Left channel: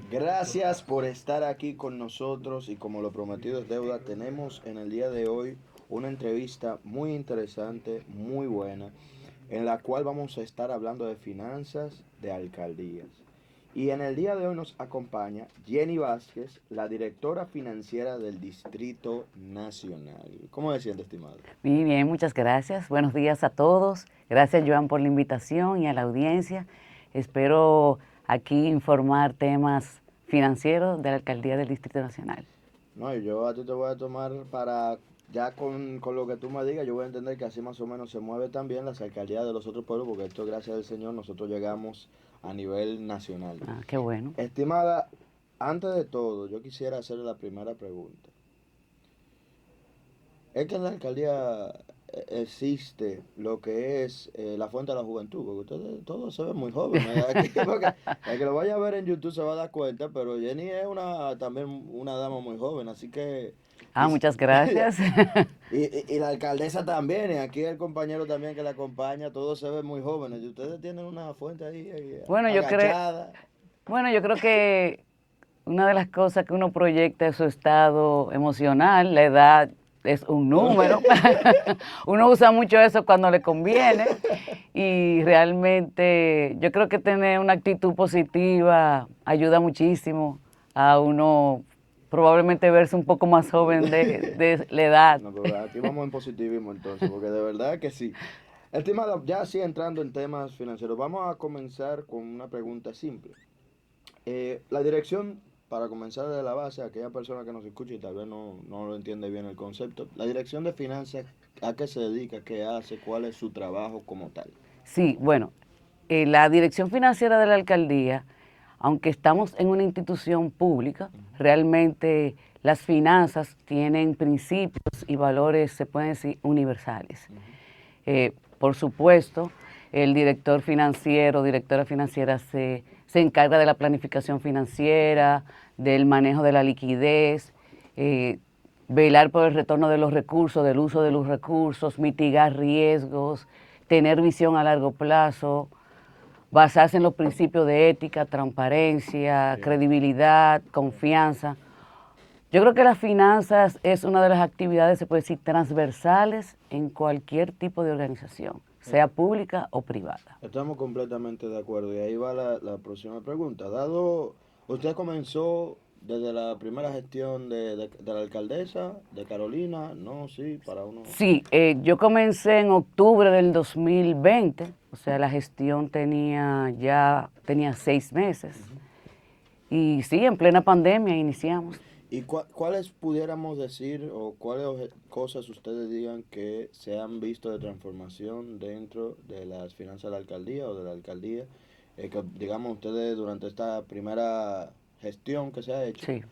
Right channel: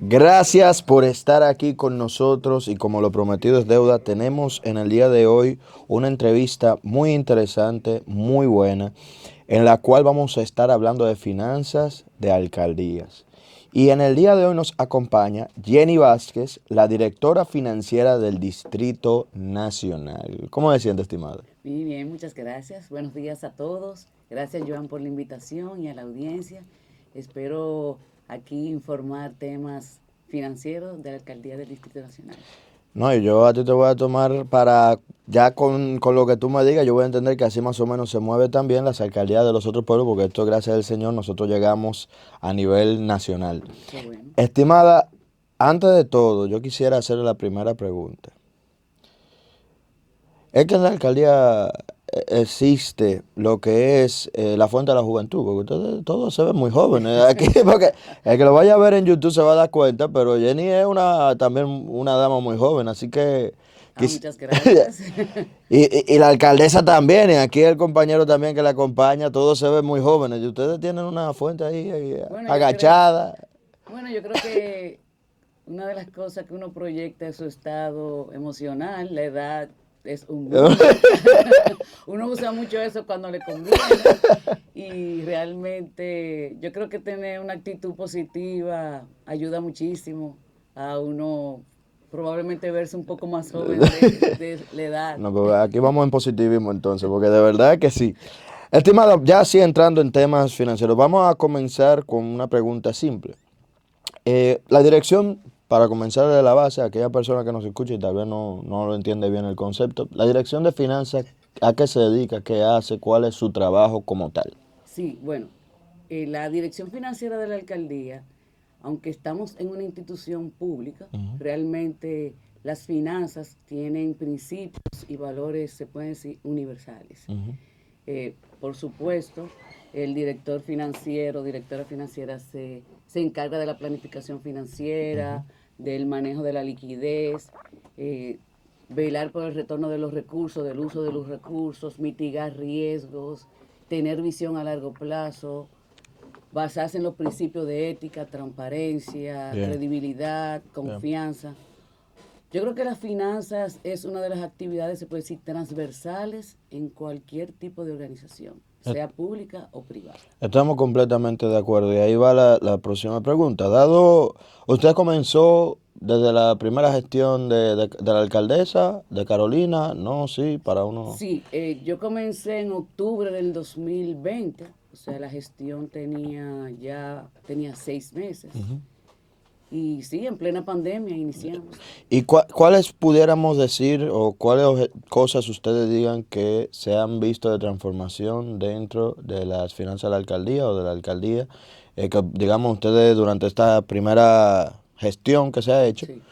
Gracias por estar aquí con nosotros y como lo prometido es deuda, tenemos en el día de hoy una entrevista muy interesante, muy buena, en la cual vamos a estar hablando de finanzas de alcaldías. Y en el día de hoy nos acompaña Jenny Vázquez, la directora financiera del Distrito Nacional. ¿Cómo se siente, estimado? Muy bien, muchas gracias. Buenos días a todos. Gracias, Joan, por la invitación y a la audiencia. Espero aquí informar temas financieros de la Alcaldía del Distrito Nacional. No, y yo a ti te voy a tomar para, ya con lo que tú me digas, yo voy a entender que así más o menos se mueve también las alcaldías de los otros pueblos, porque esto, gracias al Señor, nosotros llegamos a nivel nacional. Ah, qué bueno. Estimada, antes de todo, yo quisiera hacerle la primera pregunta. Es que en la alcaldía existe lo que es la fuente de la juventud, porque ustedes todos se ven muy jóvenes aquí, porque el que lo vaya a ver en YouTube se va a dar cuenta, pero Jenny es también una dama muy joven, así que... Ah, muchas gracias. y la alcaldesa también, y aquí el compañero también que la acompaña, todos se ven muy jóvenes, y ustedes tienen una fuente ahí Bueno, agachada. yo creo que una de las cosas que uno proyecta es su estado emocional. La edad es un número. Uno usa mucho eso cuando le conviene y realmente yo creo que tener una actitud positiva ayuda muchísimo a uno probablemente verse un poco más joven de la edad. No, pues aquí vamos en positivismo entonces, porque de verdad que sí. Estimada, ya así entrando en temas financieros, vamos a comenzar con una pregunta simple. La dirección, para comenzar de la base, aquella persona que nos escucha y tal vez no lo entiende bien el concepto, la dirección de finanzas, ¿a qué se dedica? ¿Qué hace? ¿Cuál es su trabajo como tal? Sí, bueno, la dirección financiera de la alcaldía, aunque estamos en una institución pública, Ujú, realmente las finanzas tienen principios y valores, se pueden decir, universales. ujú, Por supuesto, el director financiero, directora financiera se encarga de la planificación ujú. financiera, del manejo de la liquidez, eh, velar por el retorno de los recursos, del uso de los recursos, mitigar riesgos, tener visión a largo plazo, basarse en los principios de ética, transparencia, Yeah, credibilidad, yeah. confianza. Yo creo que las finanzas es una de las actividades, se puede decir, transversales en cualquier tipo de organización, Eh, sea pública o privada. Estamos completamente de acuerdo y ahí va la próxima pregunta. Dado, usted comenzó desde la primera gestión de la alcaldesa de Carolina, no, sí, para uno. Sí, yo comencé en octubre del 2020, o sea, la gestión tenía 6 meses. Ujú. Y sí, en plena pandemia iniciamos. ¿Y cuáles pudiéramos decir o cuáles cosas ustedes digan que se han visto de transformación dentro de las finanzas de la alcaldía o de la alcaldía? Que digamos ustedes durante esta primera gestión que se ha hecho, Sí.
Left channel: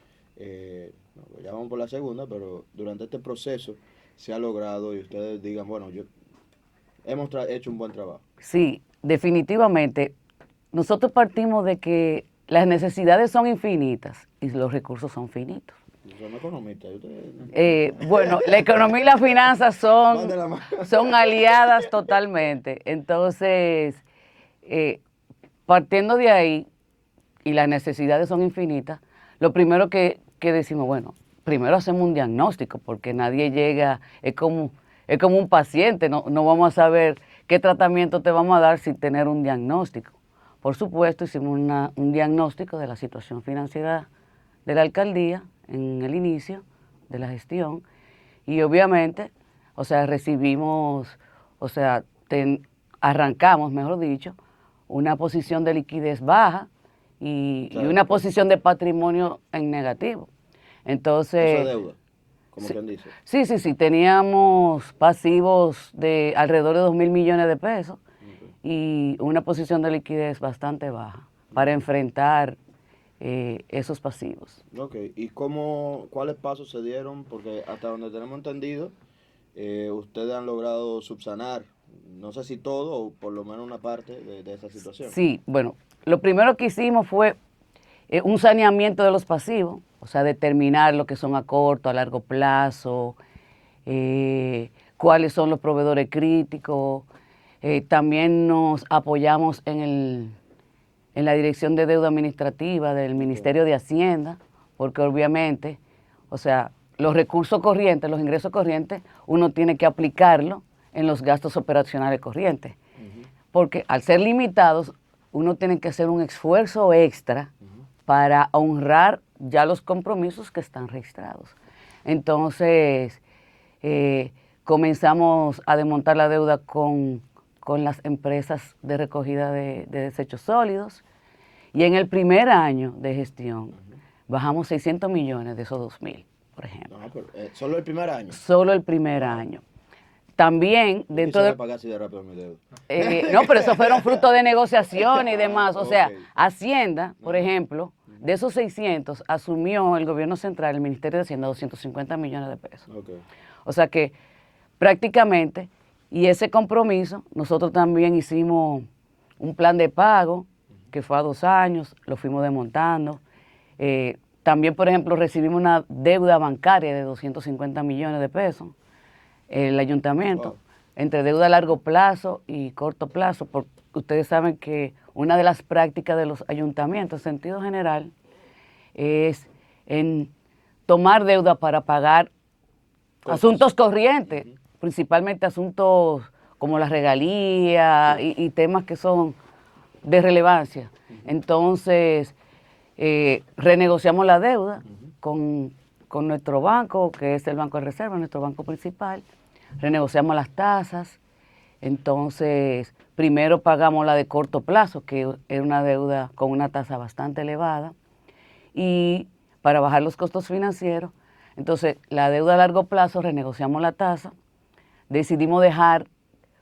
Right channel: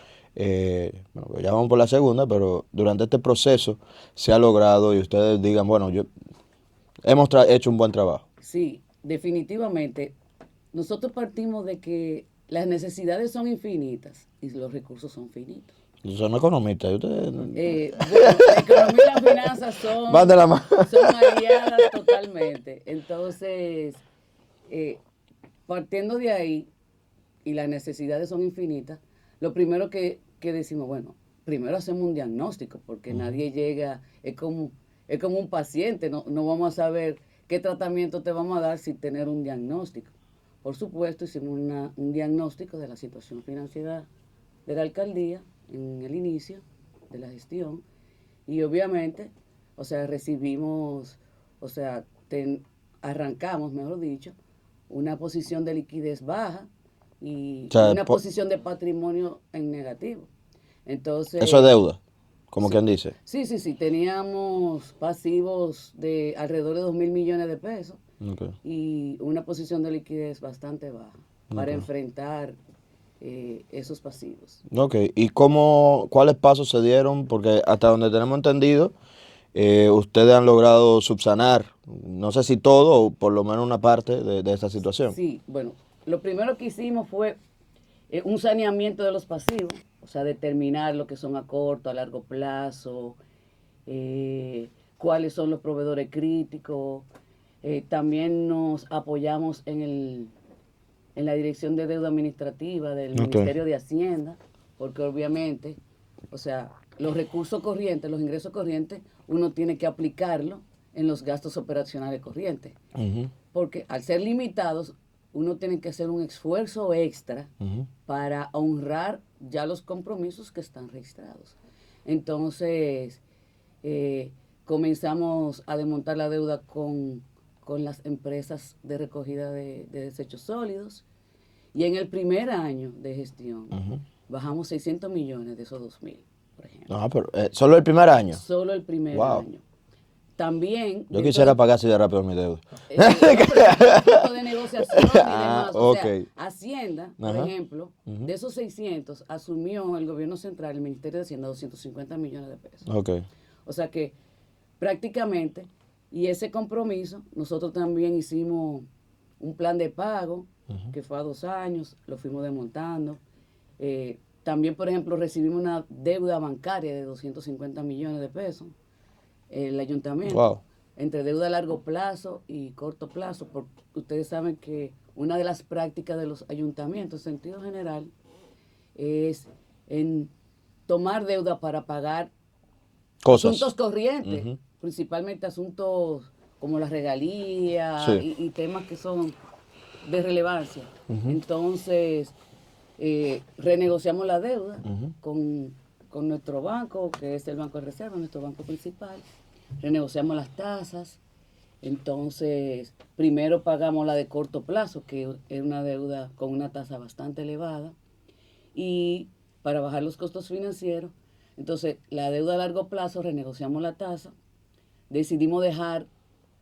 bueno, pues ya vamos por la segunda, pero durante este proceso se ha logrado y ustedes digan, bueno, hemos hecho un buen trabajo. Sí, definitivamente. Nosotros partimos de que las necesidades son infinitas y los recursos son finitos. Son economistas, y ustedes Bueno, la economía y las finanzas van de la mano. son aliadas totalmente. Entonces, eh, partiendo de ahí, y las necesidades son infinitas, lo primero que decimos, bueno, primero hacemos un diagnóstico, porque nadie llega, es como un paciente, no vamos a saber qué tratamiento te vamos a dar sin tener un diagnóstico. Por supuesto, hicimos un diagnóstico de la situación financiera de la alcaldía en el inicio de la gestión y obviamente, o sea, recibimos, o sea, arrancamos, mejor dicho, una posición de liquidez baja O y sea, una posición de patrimonio en negativo. eso es Entonces, deuda, como sí, quien dice. sí, teníamos pasivos de alrededor de 2.000 millones de pesos Okay. y una posición de liquidez bastante baja para Ok. enfrentar esos pasivos. Ok, ¿y cuáles pasos se dieron? Porque hasta donde tenemos entendido, ustedes han logrado subsanar, no sé si todo o por lo menos una parte de esta situación. Sí, bueno, lo primero que hicimos fue un saneamiento de los pasivos, o sea, determinar lo que son a corto, a largo plazo, cuáles son los proveedores críticos. También nos apoyamos en la Dirección de Deuda Administrativa del Ministerio de Hacienda, porque obviamente, o sea, los recursos corrientes, los ingresos corrientes, uno tiene que aplicarlo en los gastos operacionales corrientes. Porque al ser limitados, uno tiene que hacer un esfuerzo extra para honrar ya los compromisos que están registrados. Entonces, comenzamos a desmontar la deuda con las empresas de recogida de desechos sólidos, y en el primer año de gestión bajamos 600 millones de esos 2.000, por ejemplo. No, pero, ¿solo el primer año? Solo el primer año. También... Yo quisiera pagar así de rápido mi deuda. No, pero eso fue fruto de negociación y demás. O sea, Hacienda, por ejemplo, de esos 600, asumió el gobierno central, el Ministerio de Hacienda, 250 millones de pesos. O sea que prácticamente, y ese compromiso, nosotros también hicimos un plan de pago, que fue a 2 años, lo fuimos desmontando. También, por ejemplo, recibimos una deuda bancaria de 250 millones de pesos, el ayuntamiento, entre deuda a largo plazo y corto plazo, porque ustedes saben que una de las prácticas de los ayuntamientos, en sentido general, es en tomar deuda para pagar asuntos corrientes, principalmente asuntos como las regalías y temas que son de relevancia. Entonces, renegociamos la deuda con nuestro banco, que es el Banco de Reserva, nuestro banco principal. Renegociamos las tasas. Entonces, primero pagamos la de corto plazo, que era una deuda con una tasa bastante elevada, y para bajar los costos financieros. Entonces, la deuda a largo plazo, renegociamos la tasa, decidimos dejar,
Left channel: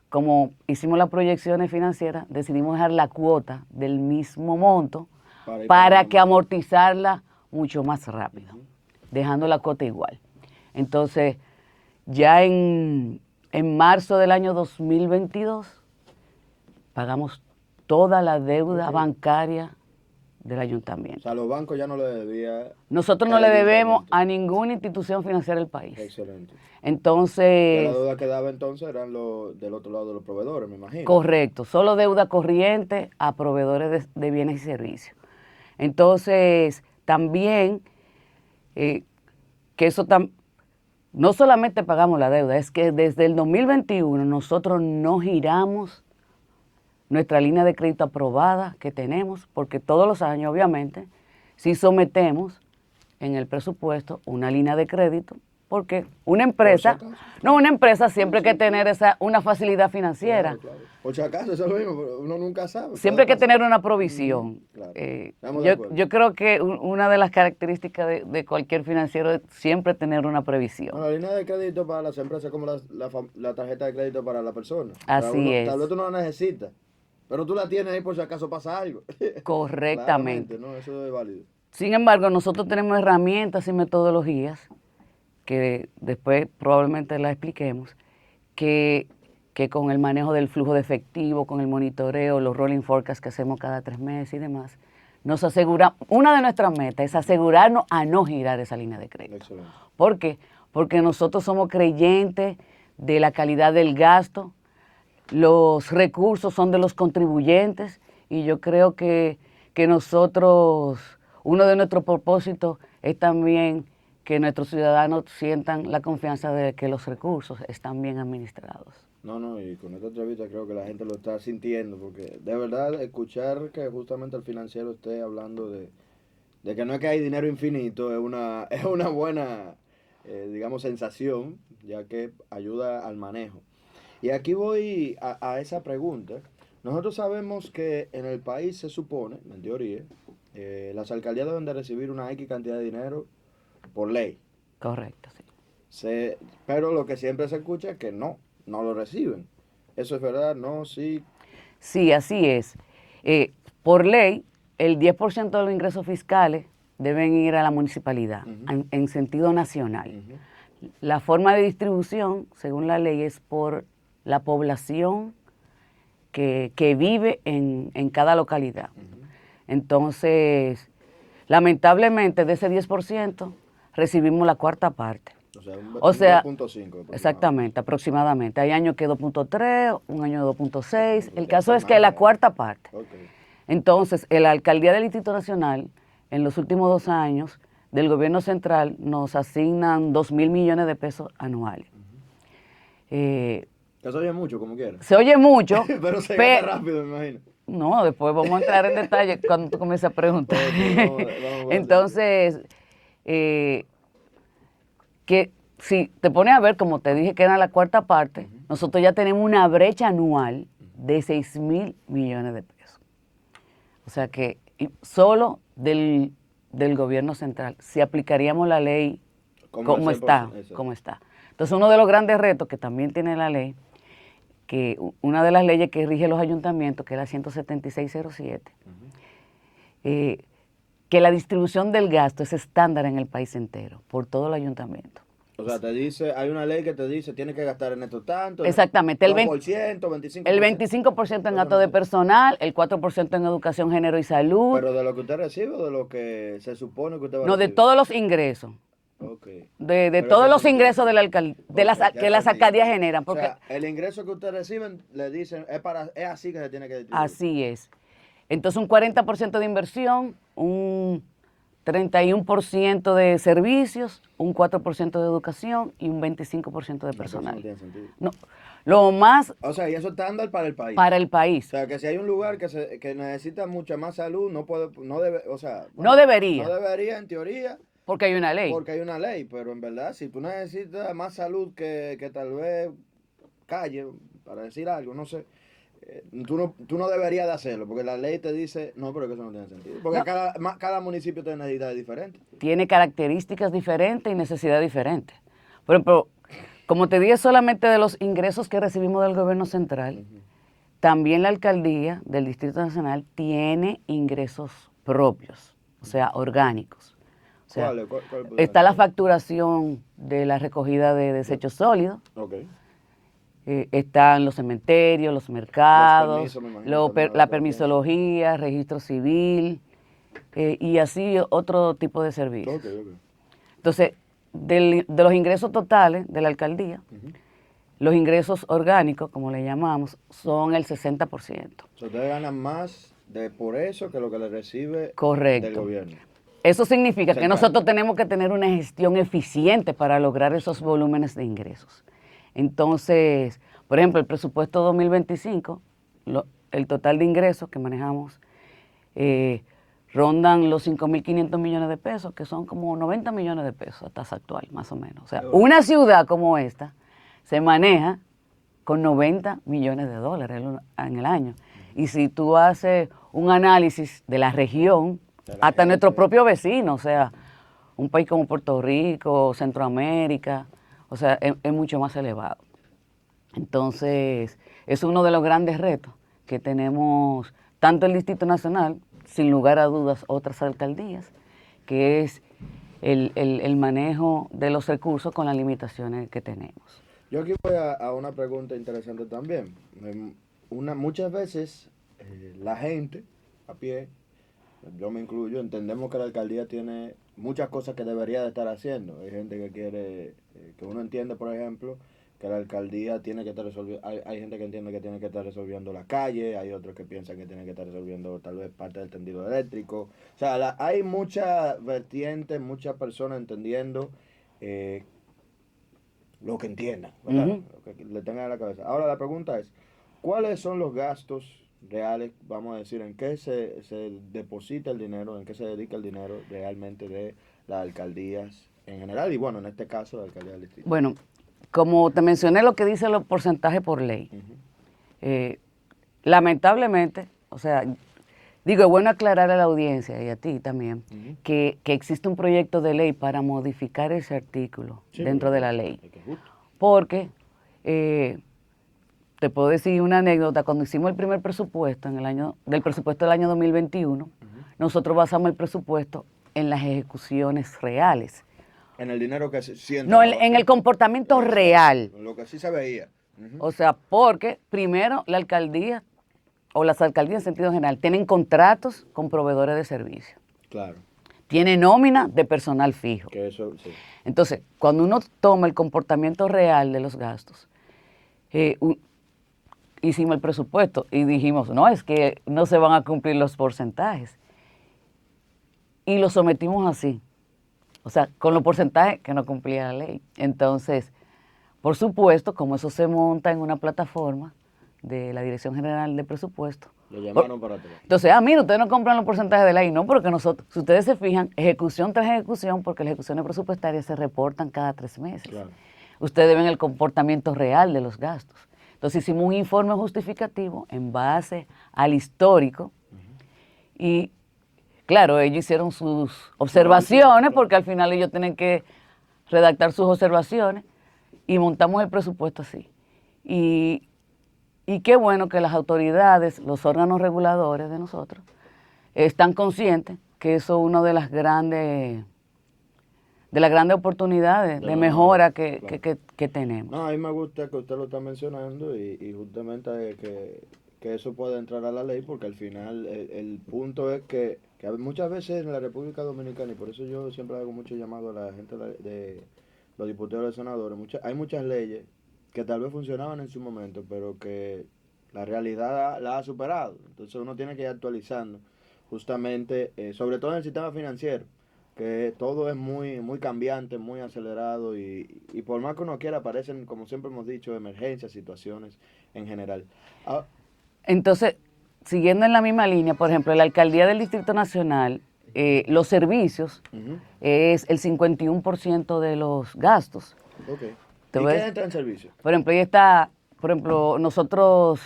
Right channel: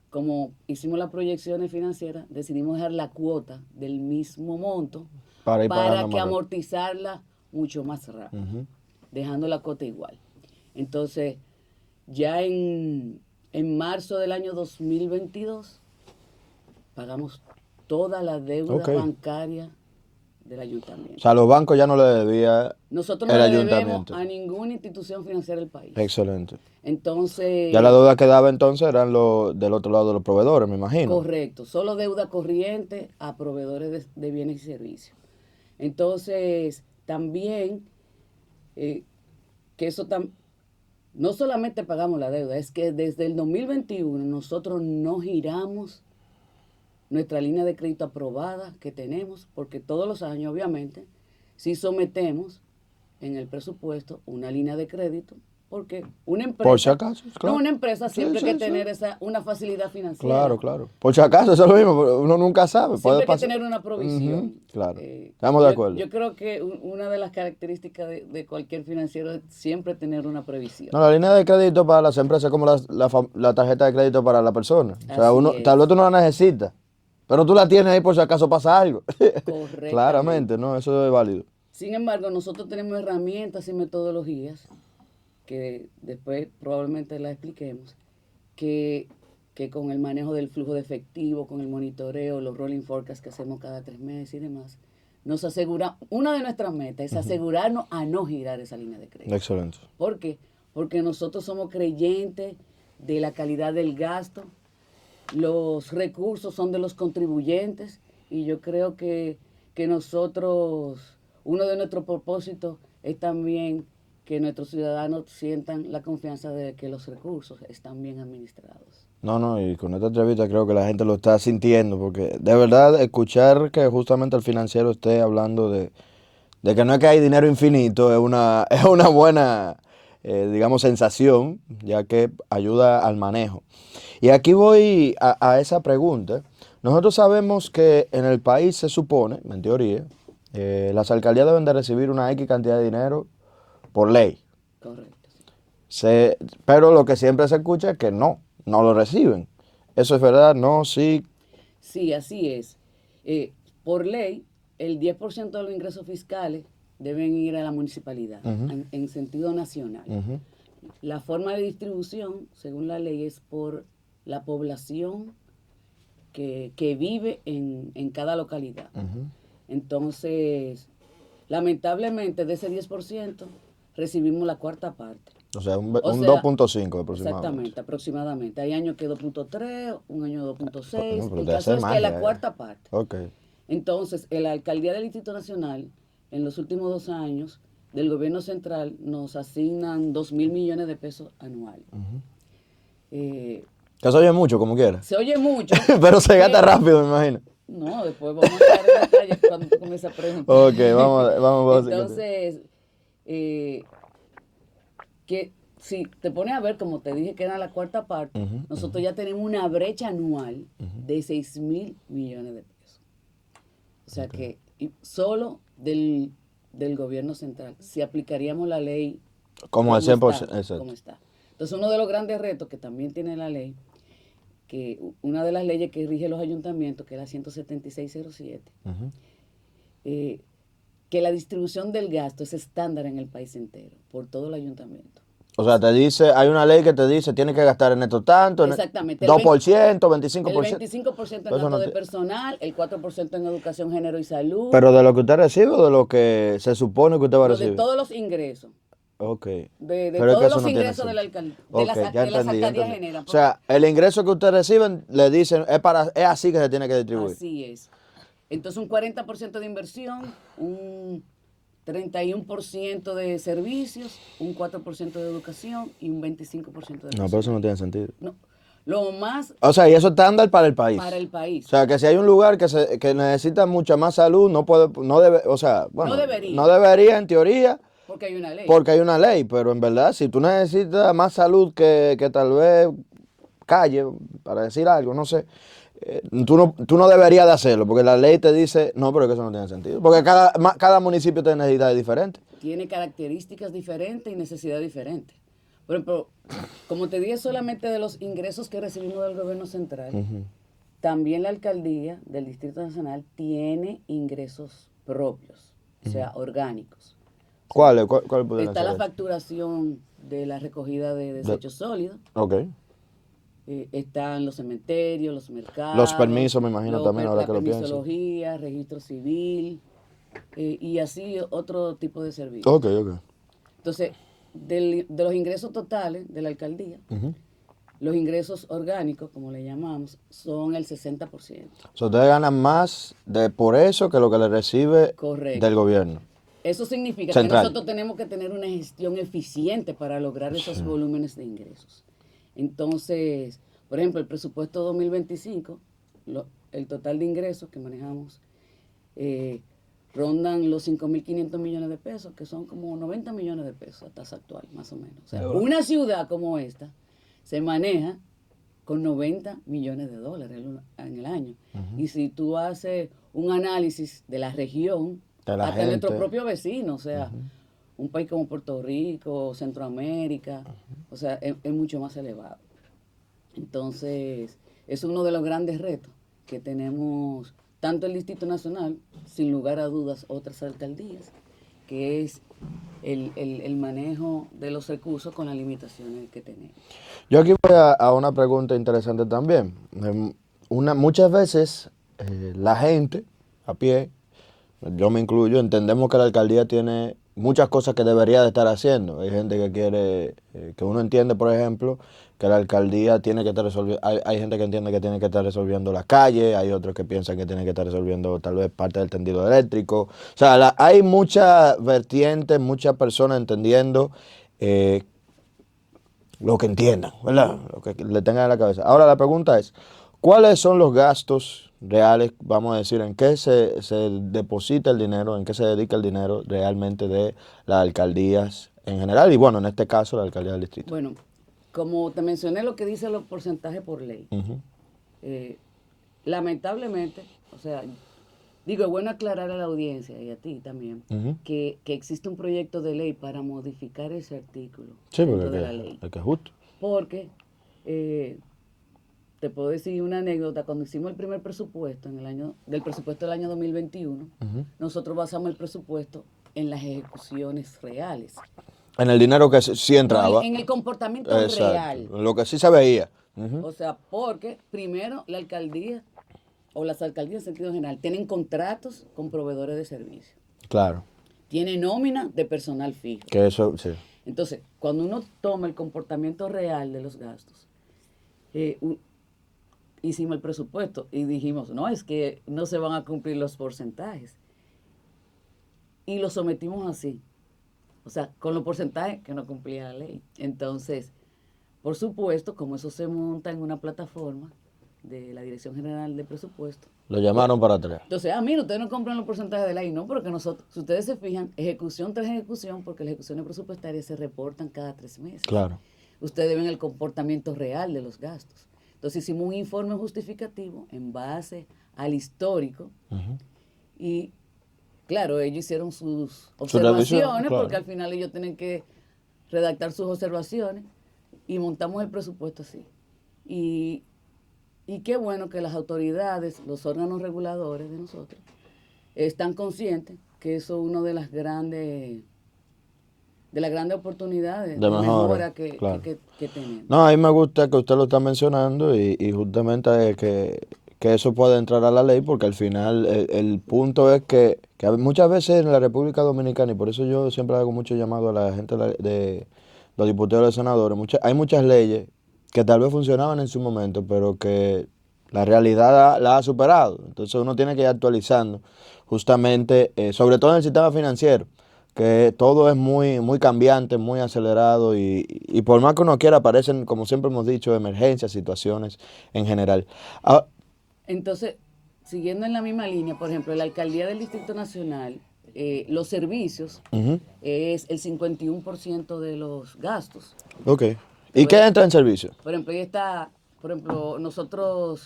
como hicimos las proyecciones financieras, decidimos dejar la cuota del mismo monto para que amortizarla mucho más rápido, dejando la cuota igual. Entonces, ya en marzo del año 2022, pagamos toda la deuda bancaria del ayuntamiento. O sea, los bancos ya no le debían. Nosotros no le debemos a ninguna institución financiera del país. Excelente. Entonces... Ya la deuda que daba entonces eran del otro lado de los proveedores, me imagino. Correcto, solo deuda corriente a proveedores de bienes y servicios. Entonces, también, que eso no solamente pagamos la deuda, es que desde el 2021 nosotros no giramos nuestra línea de crédito aprobada que tenemos, porque todos los años, obviamente, sí sometemos en el presupuesto una línea de crédito, porque una empresa, por si acaso, no, una empresa siempre hay que tener una facilidad financiera. Claro. Por si acaso, eso es lo mismo, uno nunca sabe. Siempre hay que tener una provisión. Claro, estamos de acuerdo. Yo creo que una de las características de cualquier financiero es siempre tener una previsión. No, la línea de crédito para las empresas es como la tarjeta de crédito para la persona. Así o sea, es. Tal vez tú no la necesitas, pero tú la tienes ahí por si acaso pasa algo. Correctamente. Claramente, ¿no? Eso es válido. Sin embargo, nosotros tenemos herramientas y metodologías que después probablemente las expliquemos, que con el manejo del flujo de efectivo, con el monitoreo, los rolling forecasts que hacemos cada 3 meses y demás, nos asegura, una de nuestras metas es asegurarnos a no girar esa línea de crédito. Excelente. ¿Por qué? Porque nosotros somos creyentes de la calidad del gasto, los recursos son de los contribuyentes, y yo creo que nosotros, uno de nuestros propósitos es también que nuestros ciudadanos sientan la confianza de que los recursos están bien administrados. No, y con esta entrevista creo que la gente lo está sintiendo, porque de verdad escuchar que justamente el financiero esté hablando de que no es que hay dinero infinito, es una buena, digamos, sensación, ya que ayuda al manejo. Y aquí voy a esa pregunta. Nosotros sabemos que en el país se supone, en teoría, las alcaldías deben de recibir una X cantidad de dinero por ley. Correcto, sí. Pero lo que siempre se escucha es que no lo reciben. ¿Eso es verdad? ¿No? ¿Sí? Sí, así es. Por ley, el 10% de los ingresos fiscales deben ir a la municipalidad, en sentido nacional. La forma de distribución, según la ley, es por la población que vive en cada localidad. Entonces, lamentablemente, de ese 10%, recibimos la cuarta parte. O sea, un 2.5 aproximadamente. Exactamente, aproximadamente. Hay años que 2.3, un año 2.6. El Debe caso ser es más, que la ya. cuarta parte. Okay. Entonces, la alcaldía del Distrito Nacional, en los últimos 2 años, del gobierno central, nos asignan 2.000 millones de pesos anuales. Que se oye mucho, como quiera. Se oye mucho. Pero se gasta rápido, me imagino. No, después vamos a entrar en detalle cuando tú comiences a preguntar. Ok, vamos. Entonces, que si te pones a ver, como te dije que era la cuarta parte, nosotros ya tenemos una brecha anual de 6.000 millones de pesos. O sea que solo del gobierno central, si aplicaríamos la ley como al 100%, como está. Entonces, uno de los grandes retos que también tiene la ley, que una de las leyes que rige los ayuntamientos, que es la 17607, que la distribución del gasto es estándar en el país entero, por todo el ayuntamiento. O sea, te dice, hay una ley que te dice, tienes que gastar en esto tanto. Exactamente. 2%, 25%. El 25% en gasto de personal, el 4% en educación, género y salud. ¿Pero de lo que usted recibe o de lo que se supone que usted va a recibir? No, de todos los ingresos. Ok. De todos los ingresos de la alcaldía, que las alcaldías generan. O sea, el ingreso que usted recibe, le dicen, es así que se tiene que distribuir. Así es. Entonces, un 40% de inversión, un 31% de servicios, un 4% de educación y un 25% de personal. No, pero eso no tiene sentido. No, lo más... O sea, y eso es estándar para el país. Para el país. O sea, que si hay un lugar que necesita mucha más salud, no debería en teoría. Porque hay una ley. Porque hay una ley, pero en verdad, si tú necesitas más salud que tal vez calle, para decir algo, no sé, tú no deberías de hacerlo, porque la ley te dice, no, pero que eso no tiene sentido. Porque cada municipio tiene necesidades diferentes. Tiene características diferentes y necesidades diferentes. Por ejemplo, como te dije solamente de los ingresos que recibimos del gobierno central, también la alcaldía del Distrito Nacional tiene ingresos propios, o sea, orgánicos. O sea, ¿Cuál está la facturación de la recogida de desechos sólidos. Ok. Están los cementerios, los mercados. Los permisos, me imagino. También la permisología, registro civil y así otro tipo de servicios. Ok. Entonces, de los ingresos totales de la alcaldía, los ingresos orgánicos, como le llamamos, son el 60%. O sea, ustedes ganan más por eso que lo que le recibe del gobierno. Eso significa que nosotros tenemos que tener una gestión eficiente para lograr esos volúmenes de ingresos. Entonces, por ejemplo, el presupuesto 2025, el total de ingresos que manejamos, rondan los 5.500 millones de pesos, que son como 90 millones de pesos a tasa actual, más o menos. O sea, una ciudad como esta se maneja con 90 millones de dólares en el año. Y si tú haces un análisis de la región, hasta nuestros propios vecinos, o sea, un país como Puerto Rico, Centroamérica, o sea, es mucho más elevado. Entonces, es uno de los grandes retos que tenemos tanto el Distrito Nacional, sin lugar a dudas otras alcaldías, que es el manejo de los recursos con las limitaciones que tenemos. Yo aquí voy a una pregunta interesante también. Muchas veces la gente a pie, yo me incluyo, entendemos que la alcaldía tiene muchas cosas que debería de estar haciendo. Hay gente que quiere, que uno entiende, por ejemplo, que la alcaldía tiene que estar resolviendo, hay gente que entiende que tiene que estar resolviendo las calles, hay otros que piensan que tiene que estar resolviendo tal vez parte del tendido eléctrico. O sea, hay muchas vertientes, muchas personas entendiendo lo que entiendan, ¿verdad? Lo que le tengan en la cabeza. Ahora la pregunta es, ¿cuáles son los gastos reales, vamos a decir, en qué se deposita el dinero, en qué se dedica el dinero realmente de las alcaldías en general y bueno, en este caso la alcaldía del distrito? Bueno, como te mencioné lo que dice los porcentajes por ley, lamentablemente, o sea, digo, es bueno aclarar a la audiencia y a ti también, que existe un proyecto de ley para modificar ese artículo dentro de la ley. Porque te puedo decir una anécdota, cuando hicimos el primer presupuesto del presupuesto del año 2021, nosotros basamos el presupuesto en las ejecuciones reales. En el dinero que sí entraba. No, en el comportamiento real. Lo que sí se veía. O sea, porque primero la alcaldía o las alcaldías en sentido general tienen contratos con proveedores de servicios. Claro. Tiene nómina de personal fijo. Que eso, sí. Entonces, cuando uno toma el comportamiento real de los gastos, hicimos el presupuesto y dijimos, no, es que no se van a cumplir los porcentajes. Y lo sometimos así, o sea, con los porcentajes que no cumplía la ley. Entonces, por supuesto, como eso se monta en una plataforma de la Dirección General de Presupuesto. Lo llamaron para atrás. Entonces, mira, ustedes no compran los porcentajes de ley, no, porque nosotros, si ustedes se fijan, ejecución tras ejecución, porque las ejecuciones presupuestarias se reportan cada 3 meses. Claro. Ustedes ven el comportamiento real de los gastos. Entonces hicimos un informe justificativo en base al histórico y, claro, ellos hicieron sus observaciones, claro. porque al final ellos tienen que redactar sus observaciones y montamos el presupuesto así. Y qué bueno que las autoridades, los órganos reguladores de nosotros, están conscientes que eso es una de las grandes oportunidades de mejora que, claro. que tenemos. No, a mí me gusta que usted lo está mencionando y justamente que eso pueda entrar a la ley, porque al final el punto es que muchas veces en la República Dominicana, y por eso yo siempre hago mucho llamado a la gente de los diputados y los senadores, hay muchas leyes que tal vez funcionaban en su momento, pero que la realidad la ha superado. Entonces uno tiene que ir actualizando justamente, sobre todo en el sistema financiero, que todo es muy cambiante, muy acelerado y por más que uno quiera aparecen, como siempre hemos dicho, emergencias, situaciones en general. Ah, Entonces, siguiendo en la misma línea, por ejemplo, en la Alcaldía del Distrito Nacional, los servicios es el 51% de los gastos. ok. Te ¿Y voy qué a- entra en servicio? Por ejemplo, ahí está, por ejemplo, nosotros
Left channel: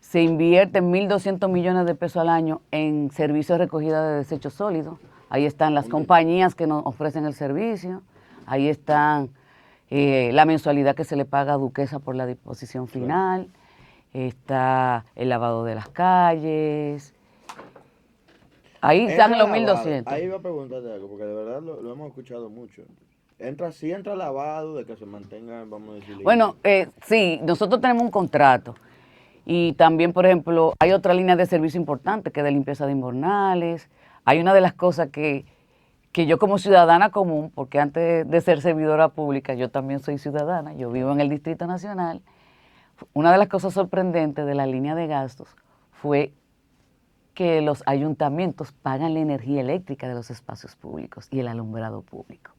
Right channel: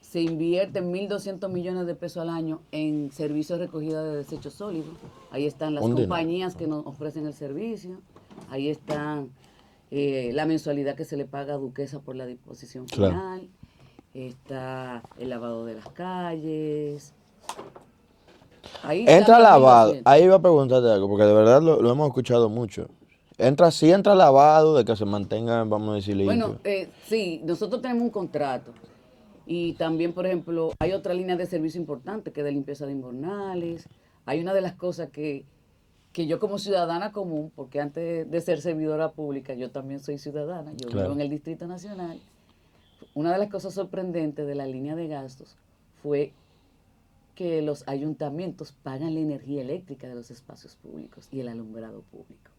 se invierten 1.200 millones de pesos al año en servicios de recogida de desechos sólidos. Ahí están las Un dinero. compañías que nos ofrecen el servicio. Ahí están la mensualidad que se le paga a Duquesa por la disposición Claro. final. Está el lavado de las calles. Ahí Entra están los lavado. 1.200. Ahí iba a preguntarte algo, porque de verdad lo hemos escuchado mucho. Sí entra lavado de que se mantenga, vamos a decir, limpio. Bueno, sí, nosotros tenemos un contrato y también, por ejemplo, hay otra línea de servicio importante que es de limpieza de invernales. Hay una de las cosas que yo como ciudadana común, porque antes de ser servidora pública, yo también soy ciudadana, yo vivo Claro. en el Distrito Nacional, una de las cosas sorprendentes de la línea de gastos fue que los ayuntamientos pagan la energía eléctrica de los espacios públicos y el alumbrado público.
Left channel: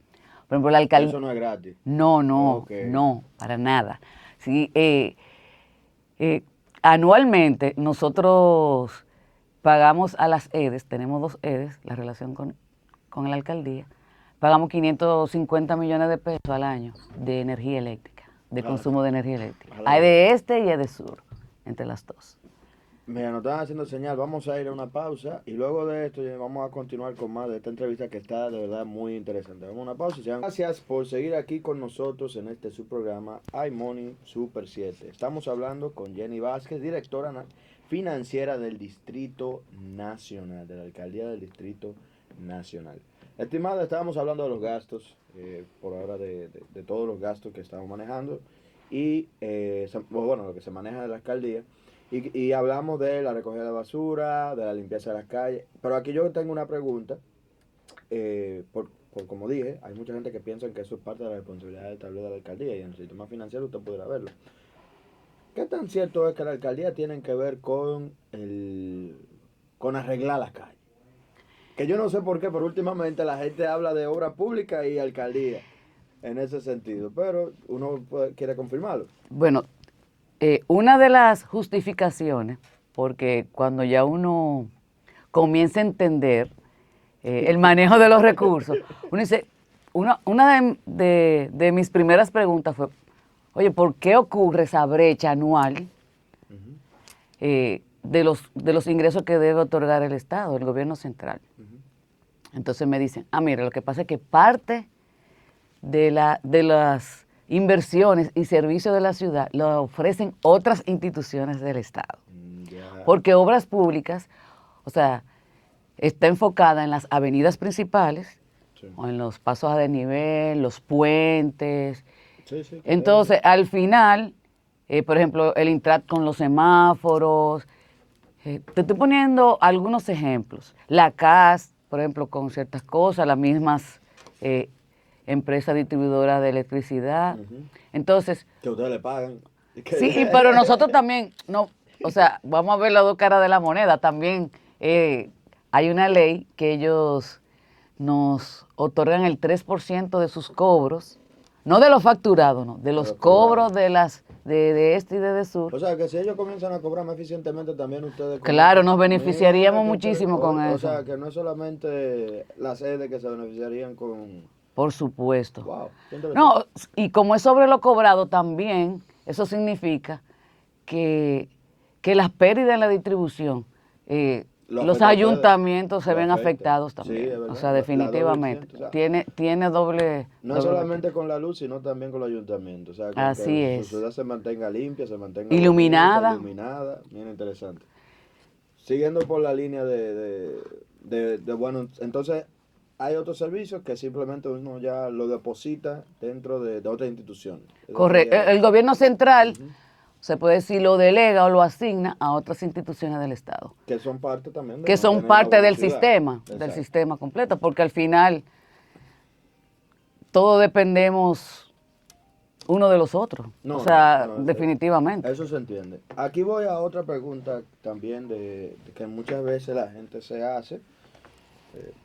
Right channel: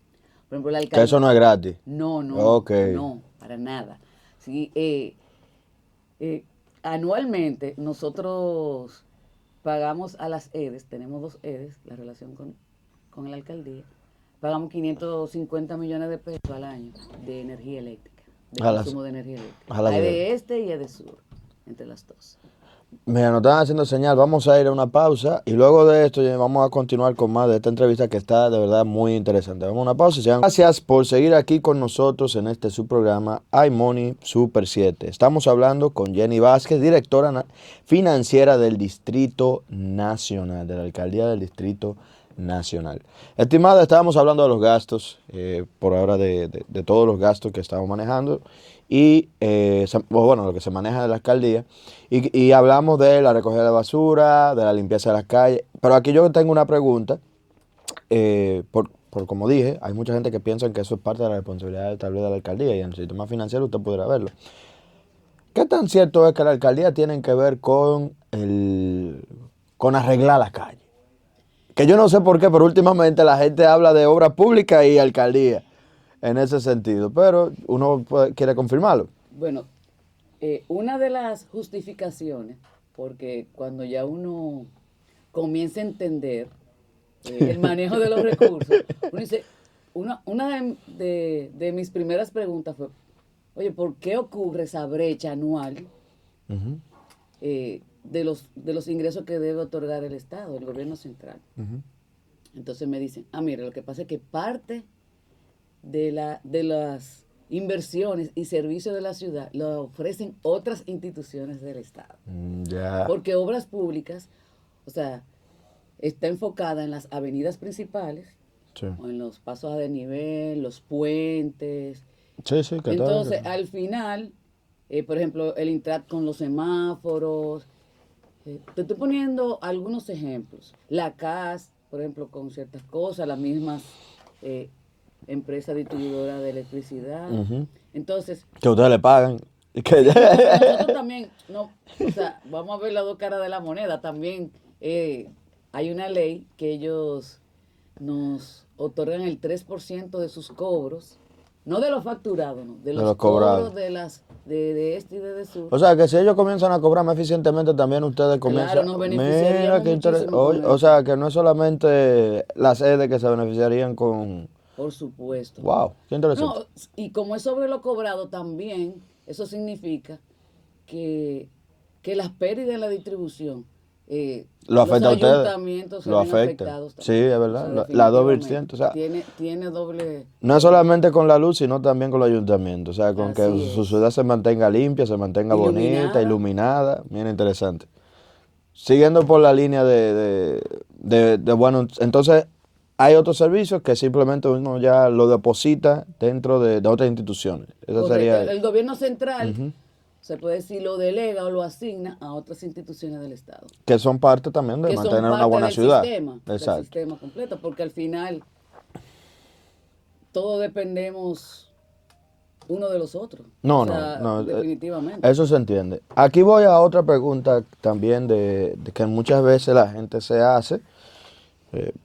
Por ejemplo, la Que alcaldía... eso no es gratis. No, Ok. no, para nada. Sí, anualmente nosotros pagamos a las EDES, tenemos 2 EDES, la relación con la alcaldía, pagamos 550 millones de pesos al año de energía eléctrica, de A las- consumo de energía eléctrica. a las Hay de EDES. este y hay de sur, entre las dos. Mira, nos están haciendo señal, vamos a ir a una pausa y luego de esto ya vamos a continuar con más de esta entrevista que está de verdad muy interesante. Vamos a una pausa y gracias por seguir aquí con nosotros en este subprograma iMoney Super 7. Estamos hablando con Jenny Vázquez, directora financiera del Distrito Nacional, de la Alcaldía del Distrito Nacional. Estimada, estábamos hablando de los gastos, por ahora de todos los gastos que estamos manejando y bueno, lo que se maneja de la alcaldía. Y hablamos de la recogida de basura, de la limpieza de las calles. Pero aquí yo tengo una pregunta, por como dije, hay mucha gente que piensa que eso es parte de la responsabilidad tal vez de la alcaldía y en el sistema financiero usted podrá verlo. ¿Qué tan cierto es que la alcaldía tiene que ver con arreglar las calles? Que yo no sé por qué, pero últimamente la gente habla de obras públicas y alcaldía en ese sentido, pero uno quiere confirmarlo. Bueno, una de las justificaciones, porque cuando ya uno comienza a entender el manejo de los recursos, uno dice, una de mis primeras preguntas fue, oye, ¿por qué ocurre esa brecha anual de los ingresos que debe otorgar el Estado, el gobierno central? Entonces me dicen, mira, lo que pasa es que parte de las inversiones y servicios de la ciudad lo ofrecen otras instituciones del Estado. Ya. Porque obras públicas, o sea, está enfocada en las avenidas principales, Sí. o en los pasos a desnivel, los puentes. Sí, sí. que Entonces, tal. al final, por ejemplo, el Intrat con los semáforos. Te estoy poniendo algunos ejemplos. La CAS, por ejemplo, con ciertas cosas, las mismas empresas distribuidoras de electricidad. Ujú. Entonces, Que ustedes le pagan. Y Sí, pero nosotros también, no, o sea, vamos a ver las dos caras de la moneda. También hay una ley que ellos nos otorgan el 3% de sus cobros, no de los facturados, no, de de los los cobros cobrados. de este y de sur. O sea, que si ellos comienzan a cobrar más eficientemente, también ustedes Claro, comienzan. nos Mira, beneficiaríamos qué interesante. muchísimo con O eso, sea, que no es solamente las sedes que se beneficiarían con. por supuesto. Wow, qué interesante. No, y como es sobre lo cobrado también, eso significa que, que las pérdidas en la distribución, Lo los afecta a ustedes. ayuntamientos se Lo ven afecta. afectados Sí, también. es O sea, verdad. La doble definitivamente. incidencia. O sea, Tiene doble, no es doble. solamente con la luz, sino también con los ayuntamientos. O sea, con que Así su es. ciudad se mantenga limpia, se mantenga bonita, Iluminada. iluminada. Bien interesante. Siguiendo por la línea bueno, entonces hay otros servicios que simplemente uno ya lo deposita dentro de otras instituciones. Eso Correcto. sería. El gobierno central, Ujú. se puede decir, lo delega o lo asigna a otras instituciones del Estado, Que son parte también de que son mantener una parte buena ciudad. del Exacto. sistema completo, porque al final todos dependemos uno de los otros. No, O no, sea, no, definitivamente. eso se entiende. Aquí voy a otra pregunta también de que muchas veces la gente se hace,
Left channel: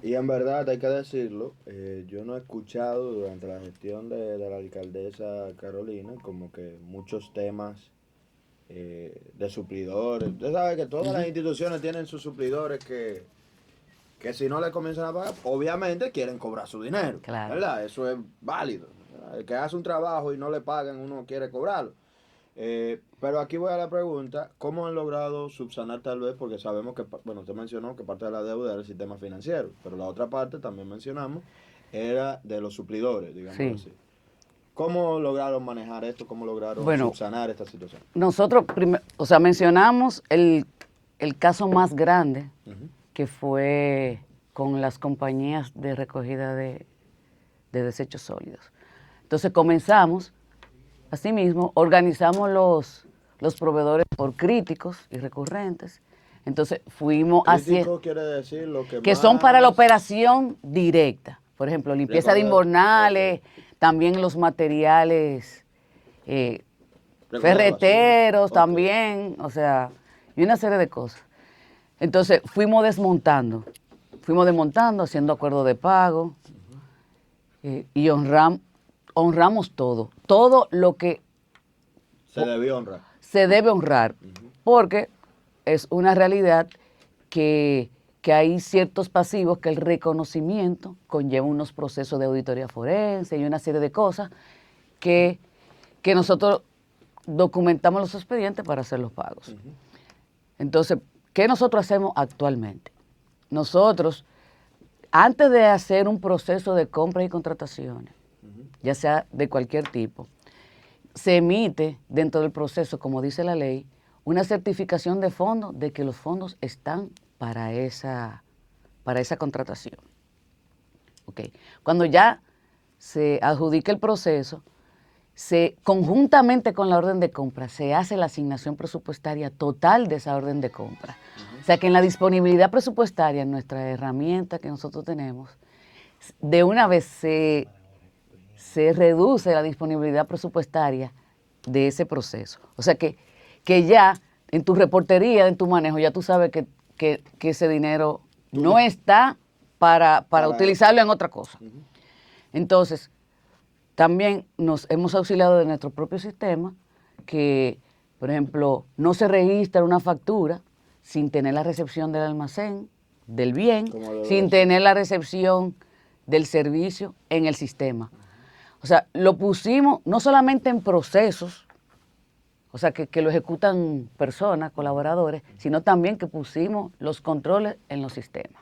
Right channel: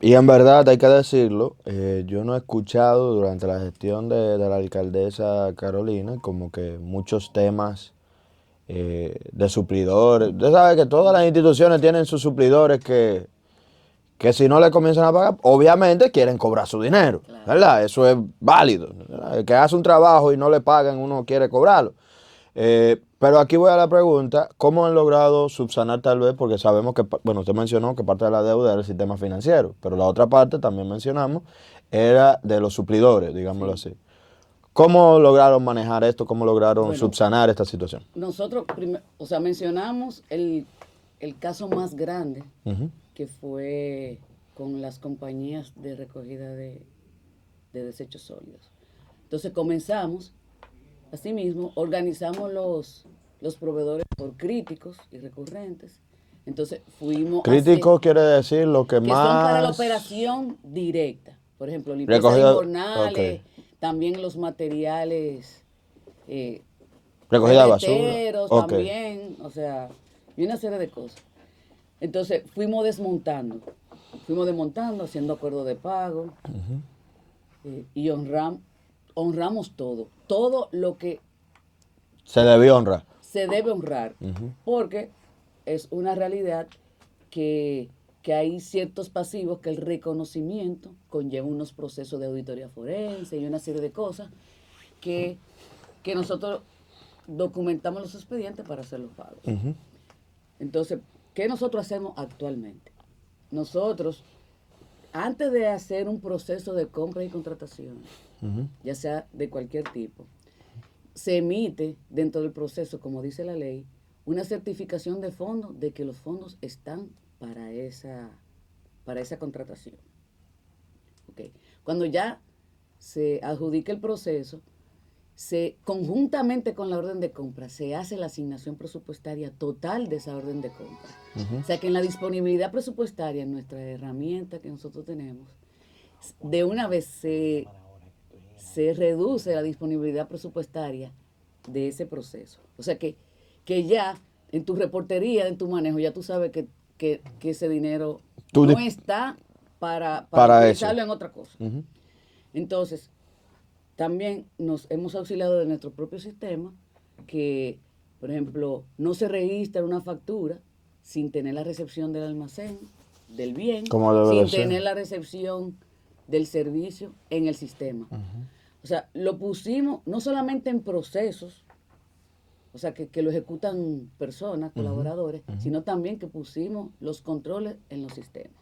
y en verdad hay que decirlo, yo no he escuchado durante la gestión de la alcaldesa Carolina como que muchos temas de suplidores. Usted sabe que todas las instituciones tienen sus suplidores que si no le comienzan a pagar, obviamente quieren cobrar su dinero, Claro. ¿verdad? Eso es válido. El que hace un trabajo y no le pagan, uno quiere cobrarlo. Pero aquí voy a la pregunta, ¿cómo han logrado subsanar tal vez? Porque sabemos que, bueno, usted mencionó que parte de la deuda era el sistema financiero, pero la otra parte, también mencionamos, era de los suplidores, digámoslo Sí. así. ¿Cómo lograron manejar esto? ¿Cómo lograron Bueno, subsanar esta situación? nosotros, o sea, mencionamos el caso más grande, Ujú. que fue con las compañías de recogida de desechos sólidos. Entonces comenzamos, asimismo, organizamos los proveedores por críticos y recurrentes. Entonces fuimos hacia, Crítico quiere decir lo que que son para la más operación directa. Por ejemplo, limpieza de recogida, ok, invernales, también los materiales recogida de basura, ferreteros ok. también, o sea, y una serie de cosas. Entonces fuimos desmontando, haciendo acuerdos de pago y honramos todo lo que Se debió honrar. se debe honrar, porque es una realidad que hay ciertos pasivos que el reconocimiento conlleva unos procesos de auditoría forense y una serie de cosas que, que nosotros documentamos los expedientes para hacer los pagos. Entonces, ¿qué nosotros hacemos actualmente? Nosotros, antes de hacer un proceso de compra y contrataciones, ya sea de cualquier tipo, se emite dentro del proceso, como dice la ley, una certificación de fondos de que los fondos están para esa contratación. Okay. Cuando ya se adjudica el proceso, conjuntamente con la orden de compra, se hace la asignación presupuestaria total de esa orden de compra. O sea que en la disponibilidad presupuestaria, nuestra herramienta que nosotros tenemos, de una vez se reduce la disponibilidad presupuestaria de ese proceso. O sea que ya en tu reportería, en tu manejo, ya tú sabes que ese dinero no está para utilizarlo en otra cosa. Entonces, también nos hemos auxiliado de nuestro propio sistema, que, por ejemplo, no se registra una factura sin tener la recepción del almacén, del bien, sin tener la recepción del servicio en el sistema. O sea, lo pusimos no solamente en procesos, o sea, que lo ejecutan personas, colaboradores, sino también que pusimos los controles en los sistemas.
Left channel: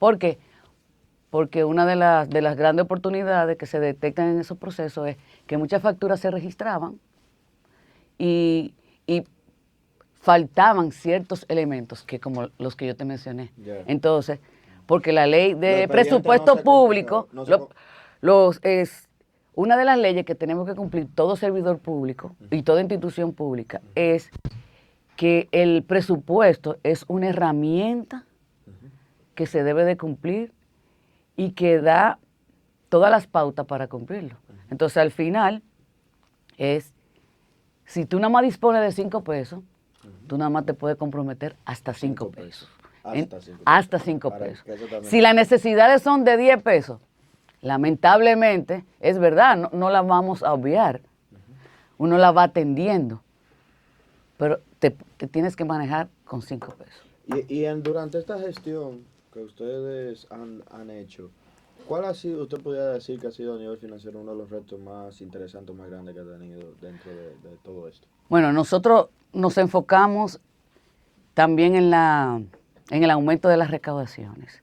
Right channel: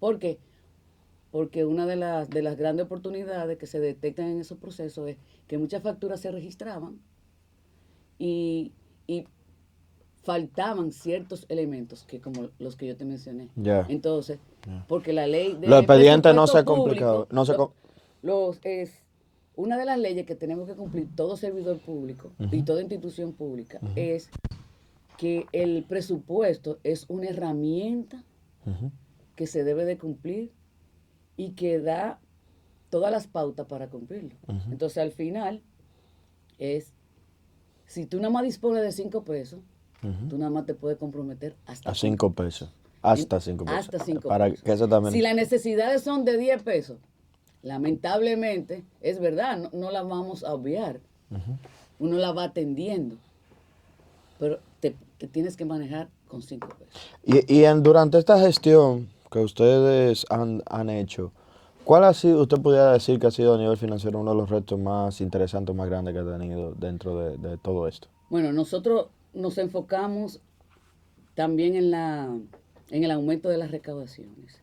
¿Por qué? Porque una de las grandes oportunidades que se detectan en esos procesos es que muchas facturas se registraban y faltaban ciertos elementos, que como los que yo te mencioné. Yeah. Entonces, porque la ley Los de expedientes presupuesto público no se es una de las leyes que tenemos que cumplir todo servidor público y toda institución pública, es que el presupuesto es una herramienta que se debe de cumplir y que da todas las pautas para cumplirlo. Entonces, al final, es si tú nada más dispones de 5 pesos, tú nada más te puedes comprometer hasta A 5 5 pesos. pesos. Hasta 5 pesos. Hasta 5 Para pesos. que eso también. Si las necesidades son de 10 pesos, lamentablemente, es verdad, no la vamos a obviar. Uno la va atendiendo, pero te tienes que manejar con 5 pesos. Durante esta gestión que ustedes han hecho, ¿cuál ha sido, usted pudiera decir que ha sido a nivel financiero uno de los retos más interesantes, más grandes que ha tenido dentro de todo esto? Bueno, nosotros nos enfocamos también en el aumento de las recaudaciones.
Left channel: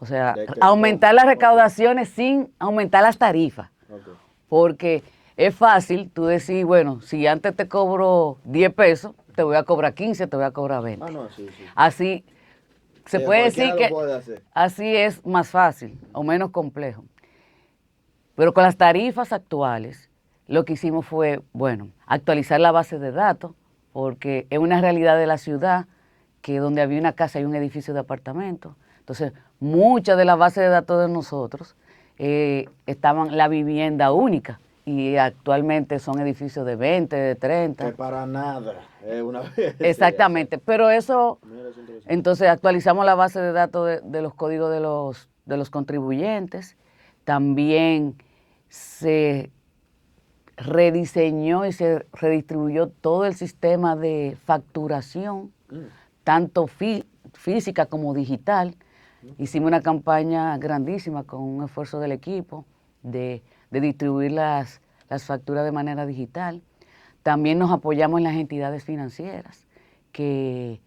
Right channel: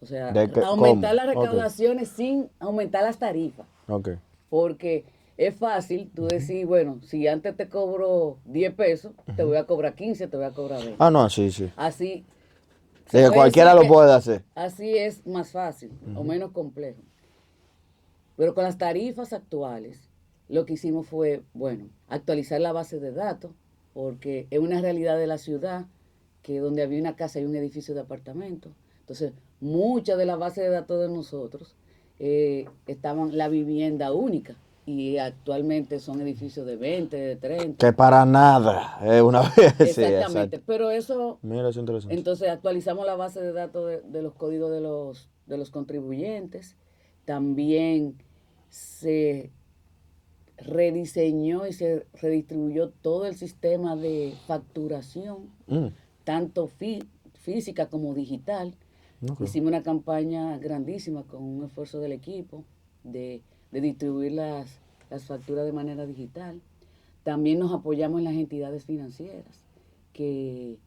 O sea, aumentar ¿Cómo? las Ok. recaudaciones sin aumentar las tarifas. Ok. Porque es fácil tú decir, bueno, si antes te cobro 10 pesos, te voy a cobrar 15, te voy a cobrar 20. Ah, no, sí, sí. Así se Que puede cualquiera decir lo puede hacer. así es más fácil o menos complejo. Pero con las tarifas actuales, lo que hicimos fue, bueno, actualizar la base de datos, porque es una realidad de la ciudad que donde había una casa hay un edificio de apartamentos. Entonces, muchas de las bases de datos de nosotros estaban la vivienda única y actualmente son edificios de 20, de 30. Que para nada es una vez. Exactamente, pero eso, Mira, es interesante. entonces actualizamos la base de datos de los códigos de los contribuyentes. También se rediseñó y se redistribuyó todo el sistema de facturación, tanto física como digital. Okay. Hicimos una campaña grandísima con un esfuerzo del equipo de distribuir las facturas de manera digital. También nos apoyamos en las entidades financieras que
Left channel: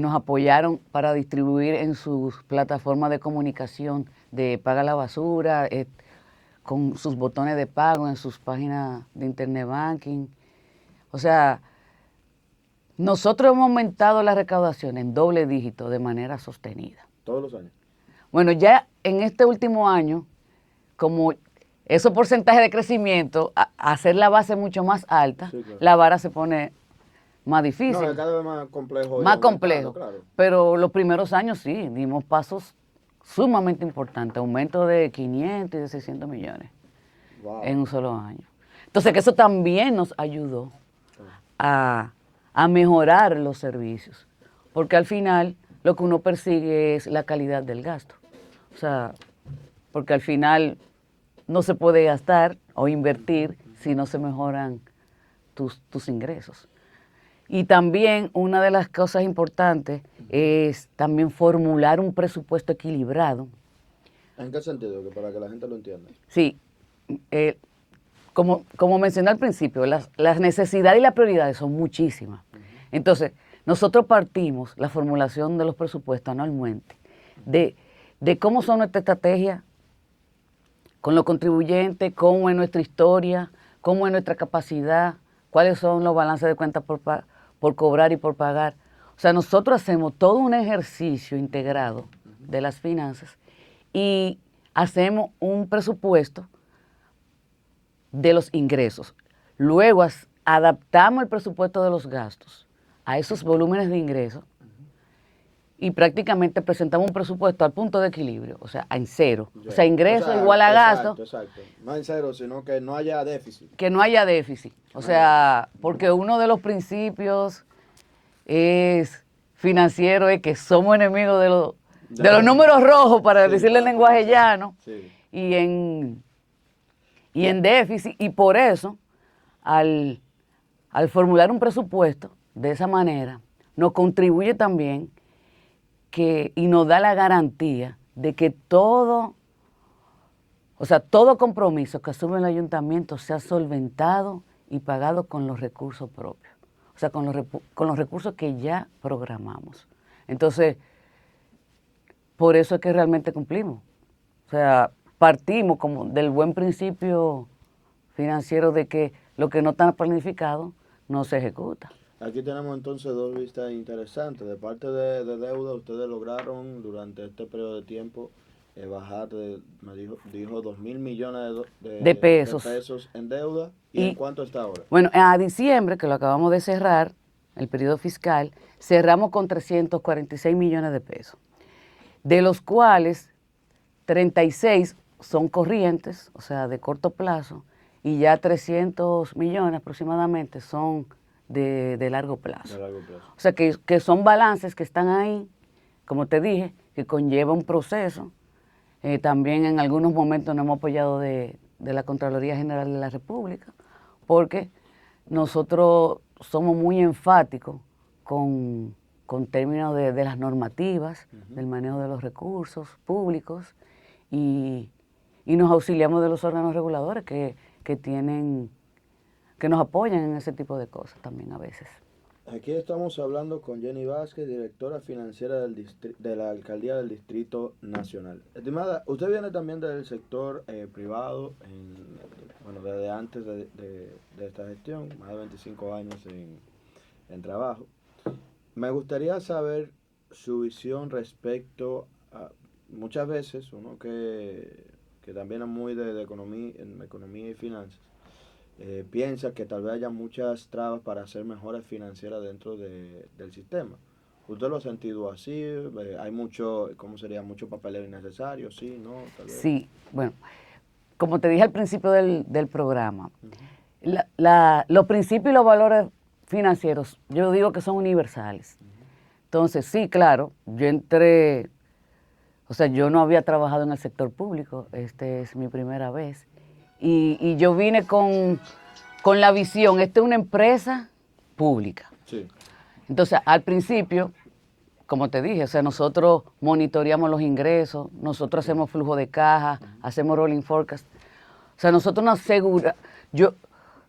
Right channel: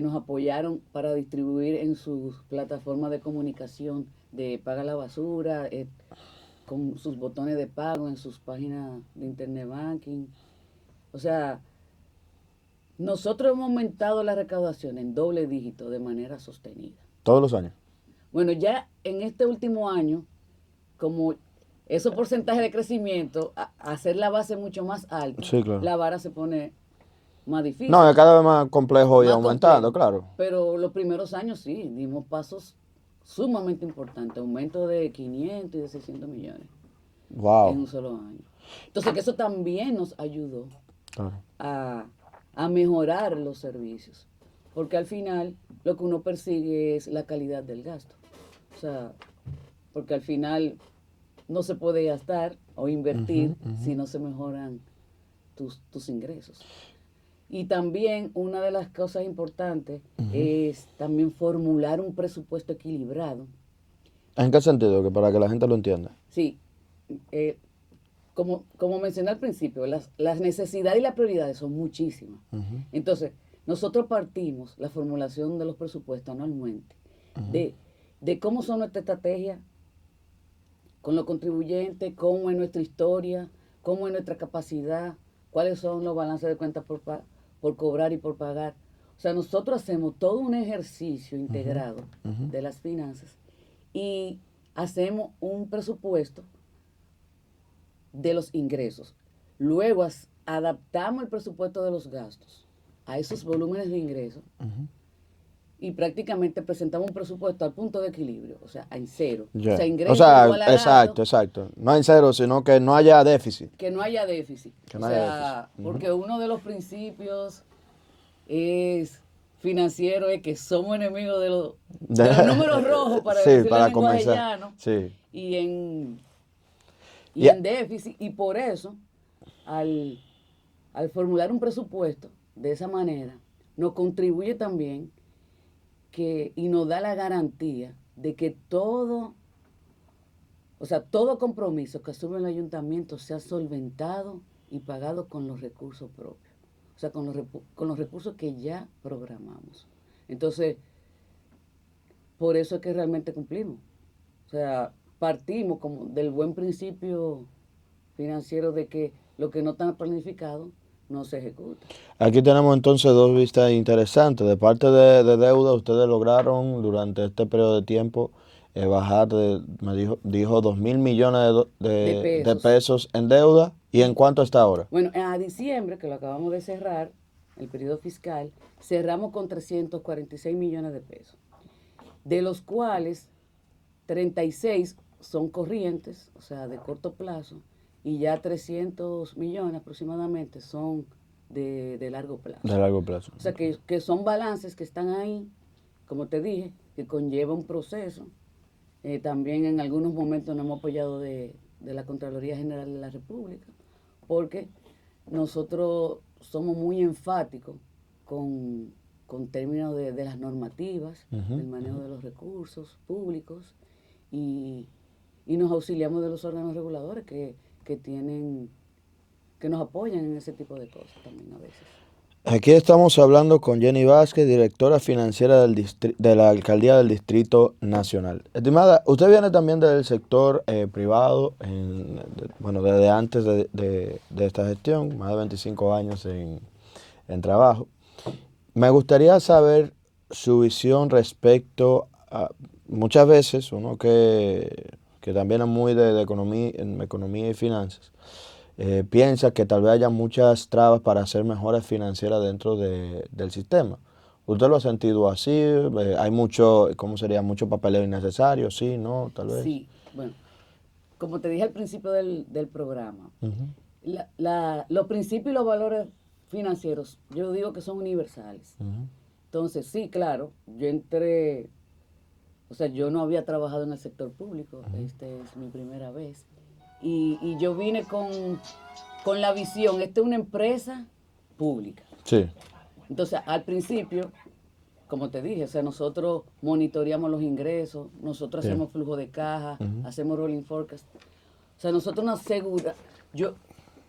nos apoyaron para distribuir en sus plataformas de comunicación de Paga la Basura, con sus botones de pago en sus páginas de internet banking. O sea, nosotros hemos aumentado la recaudación en doble dígito de manera sostenida. Todos los años. Bueno, ya en este último año, como esos porcentajes de crecimiento, hacer la base mucho más alta, Sí, claro. la vara se pone más difícil. No, es cada vez más complejo y más aumentando, complejo. claro. Pero los primeros años sí, dimos pasos sumamente importantes, aumento de 500 y de 600 millones Wow. en un solo año. Entonces, que eso también nos ayudó Claro. a mejorar los servicios, porque al final lo que uno persigue es la calidad del gasto. O sea, porque al final no se puede gastar o invertir si no se mejoran tus ingresos. Y también una de las cosas importantes es también formular un presupuesto equilibrado. ¿En qué sentido? Que para que la gente lo entienda. Sí, como mencioné al principio, las necesidades y las prioridades son muchísimas. Entonces, nosotros partimos la formulación de los presupuestos anualmente de cómo son nuestra estrategia con los contribuyentes, cómo es nuestra historia, cómo es nuestra capacidad, cuáles son los balances de cuentas por cobrar y por pagar. O sea, nosotros hacemos todo un ejercicio integrado de las finanzas y hacemos un presupuesto de los ingresos. Luego adaptamos el presupuesto de los gastos a esos volúmenes de ingresos y prácticamente presentamos un presupuesto al punto de equilibrio, o sea, en cero. Yeah. O sea, ingresos igual a gasto. Exacto. No en cero, sino que no haya déficit. Que no haya déficit. Que O no sea, haya déficit. porque uno de los principios es financiero es que somos enemigos de los números rojos, para Sí, decirle en para lenguaje comenzar. llano, Sí. y en Yeah. déficit. Y por eso, al formular un presupuesto de esa manera, nos contribuye también y nos da la garantía de que todo compromiso que asume el ayuntamiento sea solventado y pagado con los recursos propios. O sea, con los recursos que ya programamos. Entonces, por eso es que realmente cumplimos. O sea, partimos como del buen principio financiero de que lo que no está planificado no se ejecuta. Aquí tenemos entonces dos vistas interesantes. De parte de deuda, ustedes lograron durante este periodo de tiempo bajar, me dijo 2.000 millones De pesos. de pesos en deuda. ¿Y en cuánto está ahora? Bueno, a diciembre, que lo acabamos de cerrar, el periodo fiscal, cerramos con 346 millones de pesos, de los cuales 36 son corrientes, o sea, de corto plazo, y ya 300 millones aproximadamente son de largo plazo. De largo plazo. O sea, que son balances que están ahí, como te dije, que conlleva un proceso. También en algunos momentos nos hemos apoyado de la Contraloría General de la República, porque nosotros somos muy enfáticos con términos de las normativas, del manejo de los recursos públicos, y nos auxiliamos de los órganos reguladores que nos apoyan en ese tipo de cosas también a veces. Aquí estamos hablando con Jenny Vázquez, directora financiera de la Alcaldía del Distrito Nacional. Estimada, usted viene también del sector privado, bueno, desde antes de esta gestión, más de 25 años en trabajo. Me gustaría saber su visión respecto a, muchas veces, uno que también es muy de economía, en economía y finanzas, piensa que tal vez haya muchas trabas para hacer mejoras financieras dentro del sistema. ¿Usted lo ha sentido así? ¿Hay mucho, cómo sería, mucho papeleo innecesario? ¿Sí? ¿No? Tal vez. Sí, bueno, como te dije al principio del programa, los principios y los valores financieros, yo digo que son universales. Entonces, sí, claro, o sea, yo no había trabajado en el sector público, es mi primera vez, y yo vine con la visión, esta es una empresa pública. Sí. Entonces, al principio, como te dije, o sea, nosotros monitoreamos los ingresos, nosotros hacemos flujo de caja, hacemos rolling forecast. O sea, nosotros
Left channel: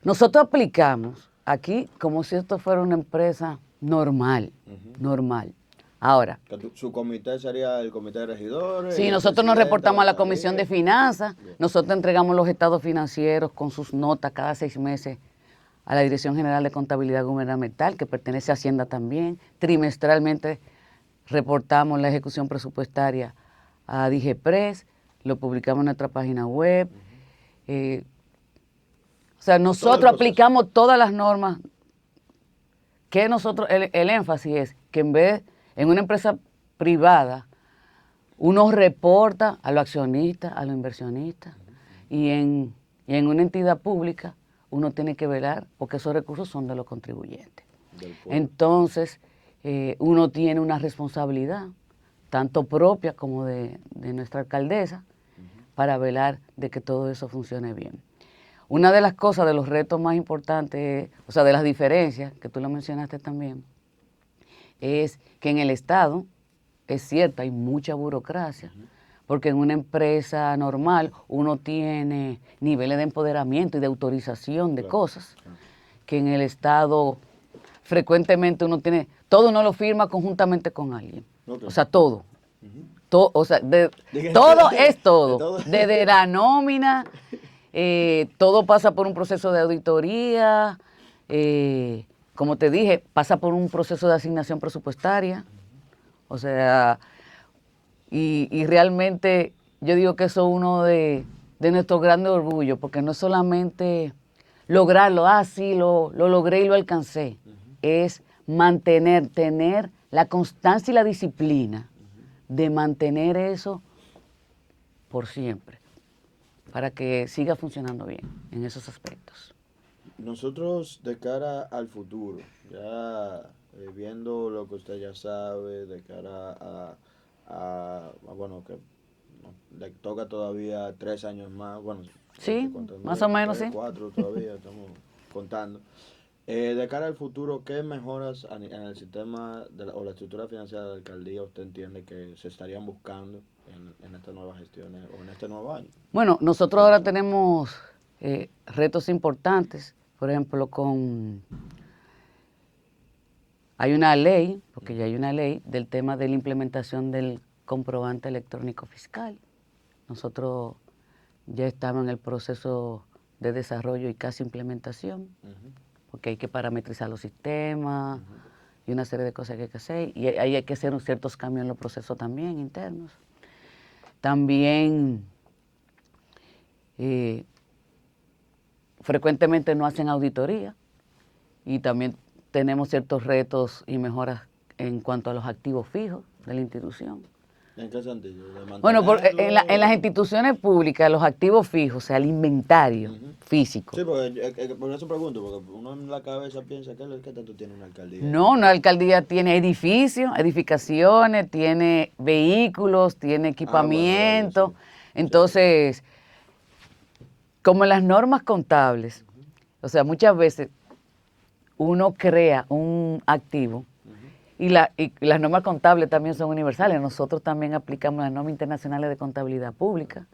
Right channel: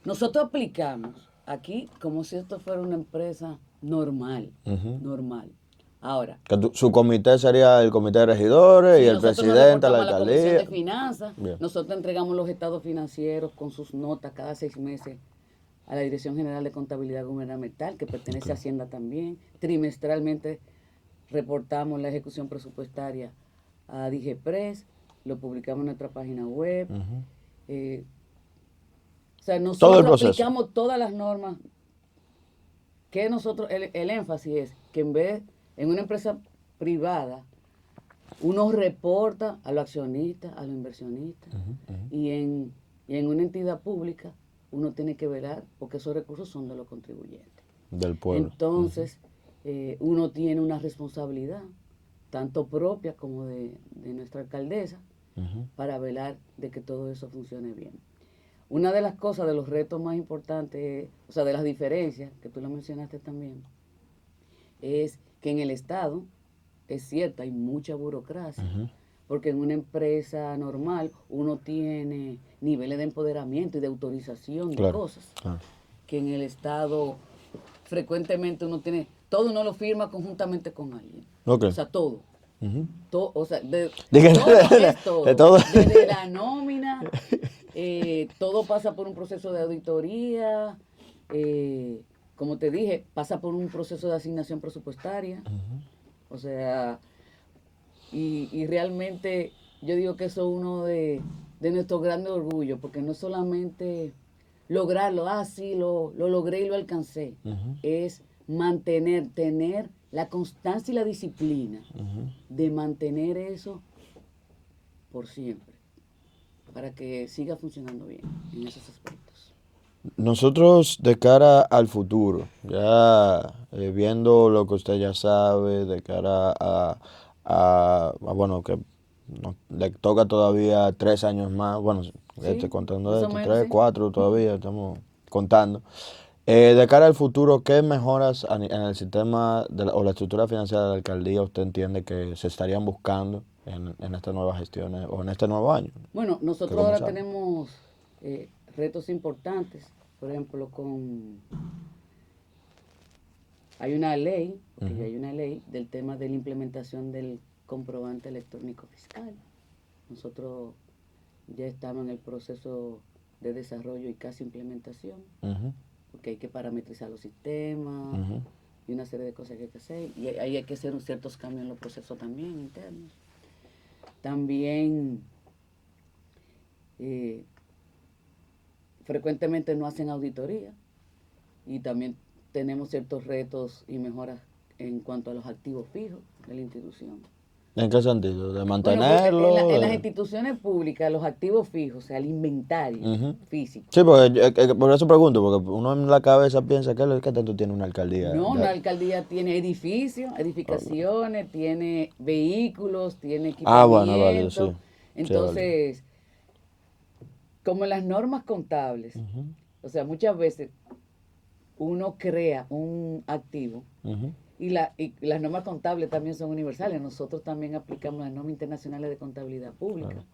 nosotros aplicamos aquí como si esto fuera una empresa normal, normal. Ahora, Su comité sería el comité de regidores y sí, el nosotros nos presidente, reportamos a la alcaldía. Comisión de Finanzas, Bien. nosotros entregamos los estados financieros con sus notas cada 6 meses a la Dirección General de Contabilidad Gubernamental, que pertenece a Hacienda también. Trimestralmente reportamos la ejecución presupuestaria a DIGEPRES, lo publicamos en nuestra página web. O sea, nosotros aplicamos todas las normas. Que nosotros, el énfasis es que en una empresa privada, uno reporta a los accionistas, a los inversionistas, y en una entidad pública uno tiene que velar porque esos recursos son de los contribuyentes. Del pueblo. Entonces, uno tiene una responsabilidad, tanto propia como de nuestra alcaldesa, para velar de que todo eso funcione bien. Una de las cosas, de los retos más importantes, o sea, de las diferencias, que tú lo mencionaste también, es que en el Estado, es cierto, hay mucha burocracia, porque en una empresa normal uno tiene niveles de empoderamiento y de autorización de cosas, que en el Estado frecuentemente todo uno lo firma conjuntamente con alguien. O sea, todo. O sea, todo es todo. Desde la nómina, todo pasa por un proceso de auditoría, como te dije, pasa por un proceso de asignación presupuestaria. O sea, y realmente yo digo que eso es uno de nuestros grandes orgullos, porque no es solamente lograrlo, sí, lo logré y lo alcancé, es tener la constancia y la disciplina de mantener eso por siempre, para que siga funcionando bien en esos aspectos. Nosotros de cara al futuro, ya viendo lo que usted ya sabe, de cara bueno, que le toca todavía 3 años más, bueno, Sí, contando más o esto, menos, 3, sí. 4 todavía, estamos contando. De cara al futuro, ¿qué mejoras en el sistema o la estructura financiera de la alcaldía usted entiende que se estarían buscando en estas nuevas gestiones o en este nuevo año? Bueno, nosotros ahora tenemos retos importantes, por ejemplo, hay una ley, porque ya hay una ley del tema de la implementación del comprobante electrónico fiscal. Nosotros ya estamos en el proceso de desarrollo y casi implementación, porque hay que parametrizar los sistemas y una serie de cosas que hay que hacer, y ahí hay que hacer ciertos cambios en los procesos también internos. También frecuentemente no hacen auditoría, y también tenemos ciertos retos y mejoras en cuanto a los activos fijos de la institución. ¿En qué sentido? ¿De Bueno, en las mantenerlo? instituciones públicas, los activos fijos, o sea, el inventario Ujú. físico. Sí, porque, por eso pregunto, porque uno en la cabeza piensa que ¿qué tanto tiene una alcaldía? No, una alcaldía tiene edificios, edificaciones, tiene vehículos, tiene Ah, bueno, válido, equipamiento. sí. Sí, es válido. Entonces, como en las normas contables, Ujú, o sea, muchas veces uno crea un activo ujú. y las normas contables también son universales. Nosotros también aplicamos las normas internacionales de contabilidad pública.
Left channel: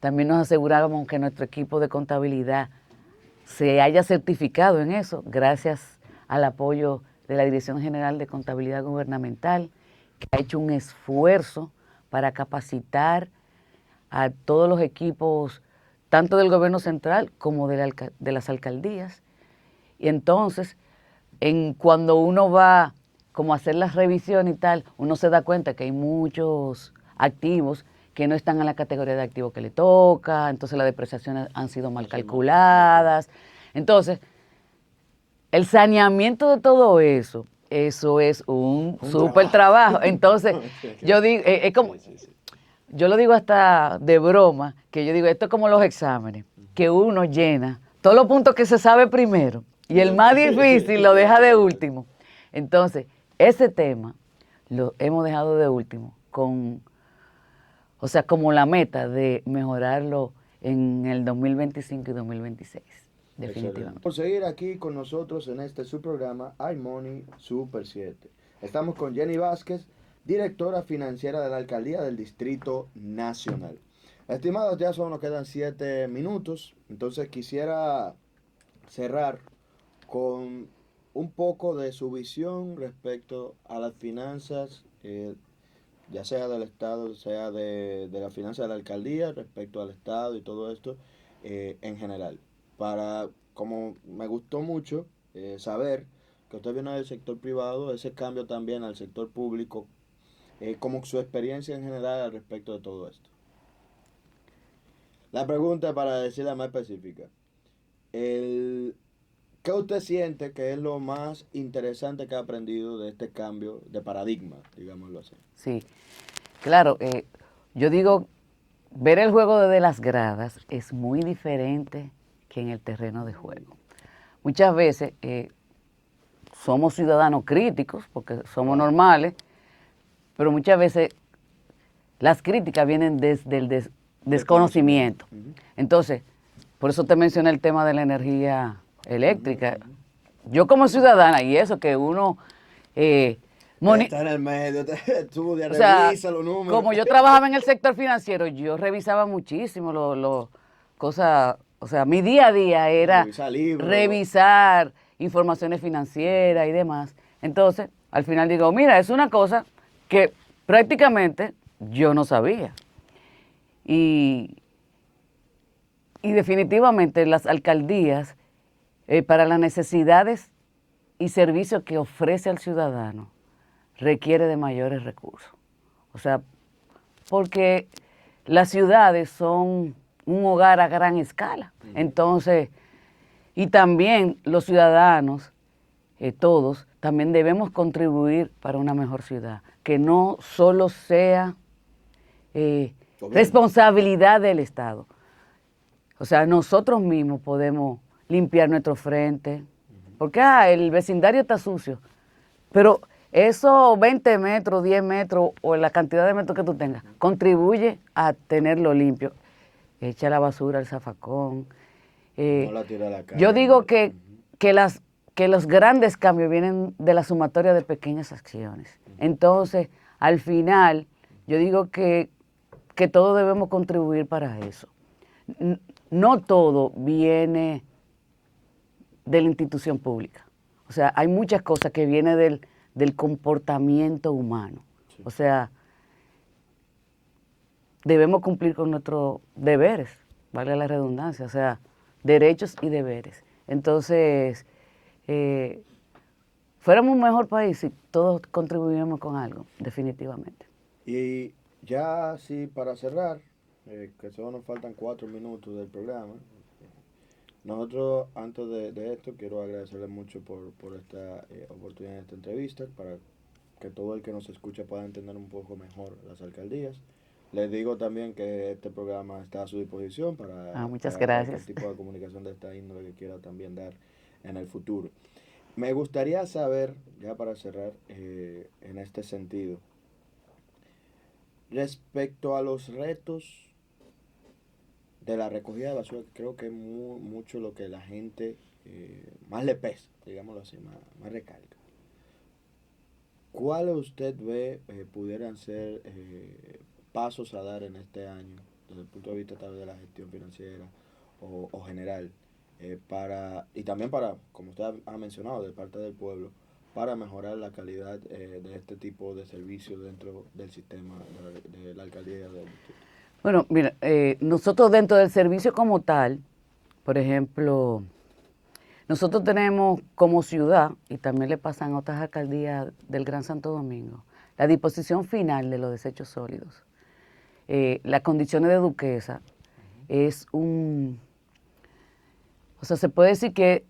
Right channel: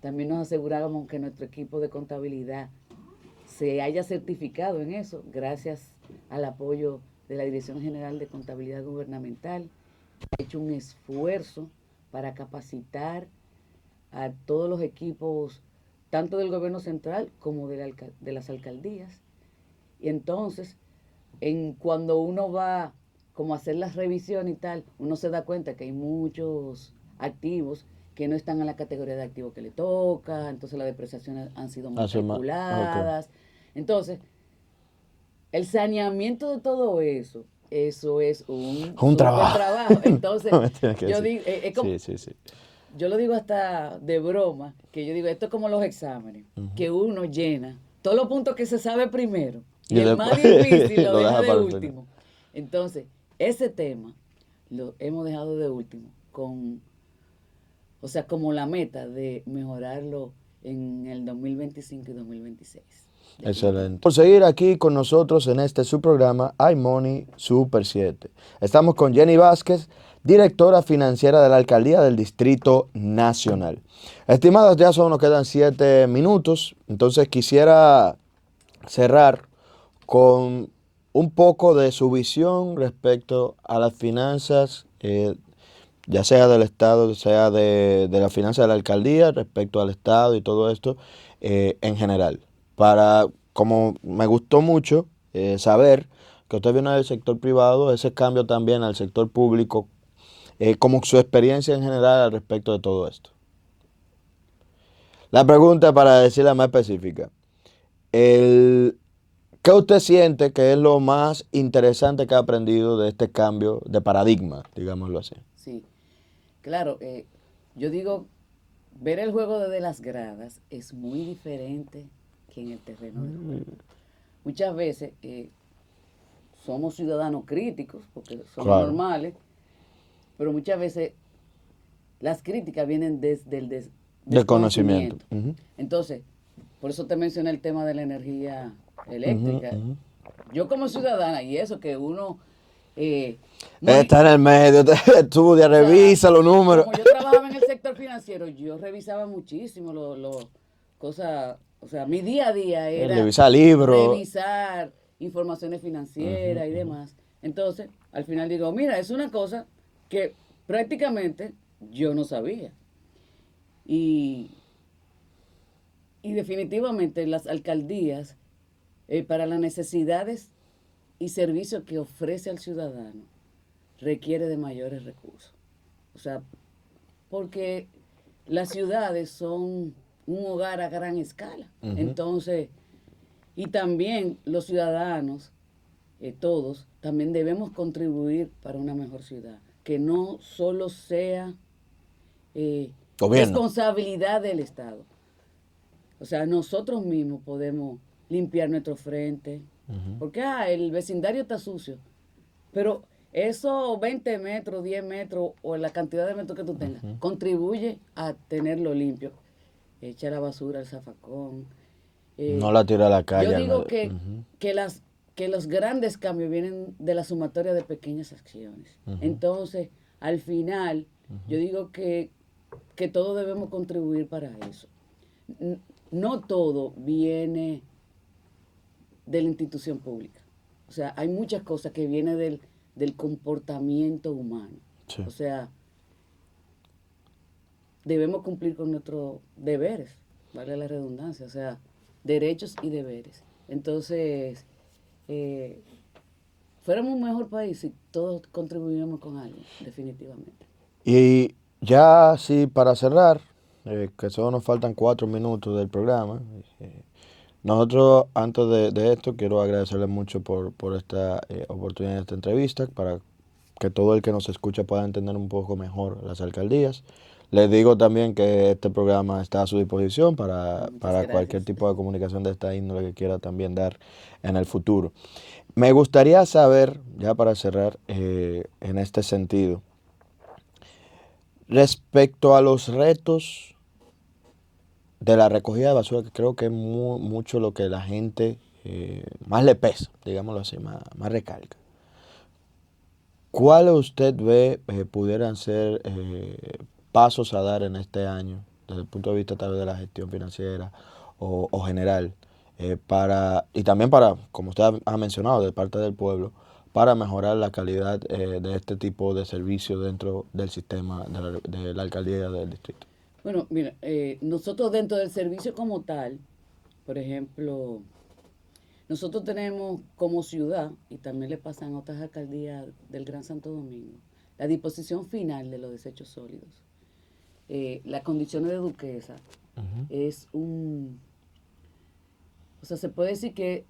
También nos aseguramos que nuestro equipo de contabilidad se haya certificado en eso, gracias al apoyo de la Dirección General de Contabilidad Gubernamental, que ha hecho un esfuerzo para capacitar a todos los equipos, tanto del gobierno central como de las alcaldías. Y entonces, cuando uno va como a hacer las revisiones y tal, uno se da cuenta que hay muchos activos que no están en la categoría de activos que le toca, entonces las depreciaciones han sido mal Así más. Ok. calculadas. Entonces, el saneamiento de todo eso es un Un súper trabajo. trabajo. Entonces, Me tiene que yo decir. digo, es como, Sí, sí, sí. yo lo digo hasta de broma, que yo digo, esto es como los exámenes, Ujú. que uno llena todos los puntos que se sabe primero y Y el más después difícil lo lo deja deja de para el final. último. Entonces, ese tema lo hemos dejado de último o sea, como la meta de mejorarlo en el 2025 y 2026, Excelente. definitivamente. Por seguir aquí con nosotros en este su programa iMoney Super 7. Estamos con Jenny Vázquez, directora financiera de la Alcaldía del Distrito Nacional. Estimadas, ya solo nos quedan 7 minutos, entonces quisiera cerrar con un poco de su visión respecto a las finanzas, ya sea del Estado, sea de la finanza de la alcaldía, respecto al Estado y todo esto en general. Como me gustó mucho saber que usted viene del sector privado, ese cambio también al sector público, como su experiencia en general al respecto de todo esto. La pregunta, para decirla más específica, el, ¿qué usted siente que es lo más interesante que ha aprendido de este cambio de paradigma, digámoslo así? Sí, claro, yo digo, ver el juego desde las gradas es muy diferente que en el terreno de juego. Muchas veces somos ciudadanos críticos, porque somos Claro. normales, pero muchas veces las críticas vienen desde el Desconocimiento. desconocimiento. Entonces, por eso te mencioné el tema de la energía Ujú, eléctrica. ujú. Yo como ciudadana, y eso que uno, eh, moni- Está en el medio, estudia, o sea, revisa los números. como yo trabajaba en el sector financiero, yo revisaba muchísimo cosas, o sea, mi día a día era Revisa libros. revisar informaciones Ujú, financieras y ujú. demás. Entonces, al final digo, mira, es una cosa que prácticamente yo no sabía. Y, y definitivamente las alcaldías, para las necesidades y servicios que ofrece al ciudadano, requiere de mayores recursos. O sea, porque las ciudades son un hogar a gran escala. Ujú. Entonces, y también los ciudadanos, todos, también debemos contribuir para una mejor ciudad, que no solo sea Gobierno. responsabilidad del Estado. O sea, nosotros mismos podemos limpiar nuestro frente, Ujú. porque el vecindario está sucio, pero esos 20 metros, 10 metros o la cantidad de metros que tú tengas, contribuye a tenerlo limpio. Echa la basura al zafacón. No Eh, la tira a la yo calle. digo Ujú, que, que los grandes cambios vienen de la sumatoria de pequeñas acciones. ujú, Entonces, al final, yo digo que todos debemos contribuir para eso. No todo viene de la institución pública. O sea, hay muchas cosas que vienen del comportamiento humano. sí. O sea, debemos cumplir con nuestros deberes, vale la redundancia, o sea, derechos y deberes. Entonces, eh, fuéramos un mejor país si todos contribuyamos con algo, definitivamente. Y ya sí, para cerrar, que solo nos faltan 4 minutos del programa. eh, Nosotros, antes de esto, quiero agradecerle mucho por esta oportunidad de esta entrevista, para que todo el que nos escucha pueda entender un poco mejor las alcaldías. Les digo también que este programa está a su disposición Muchas para cualquier gracias. tipo de comunicación de esta índole que quiera también dar en el futuro. Me gustaría saber, ya para cerrar, en este sentido, respecto a los retos de la recogida de basura, que creo que es mucho lo que la gente más le pesa, digámoslo así, más recalca. ¿Cuál usted ve pudieran ser pasos a dar en este año, desde el punto de vista tal vez de la gestión financiera o general, y también para, como usted ha mencionado, de parte del pueblo, para mejorar la calidad de este tipo de servicios dentro del sistema de la alcaldía del distrito? Bueno, mira, nosotros dentro del servicio como tal, por ejemplo, nosotros tenemos como ciudad, y también le pasa en otras alcaldías del Gran Santo Domingo, la disposición final de los desechos sólidos. Las condiciones de Duquesa es o sea, se puede decir que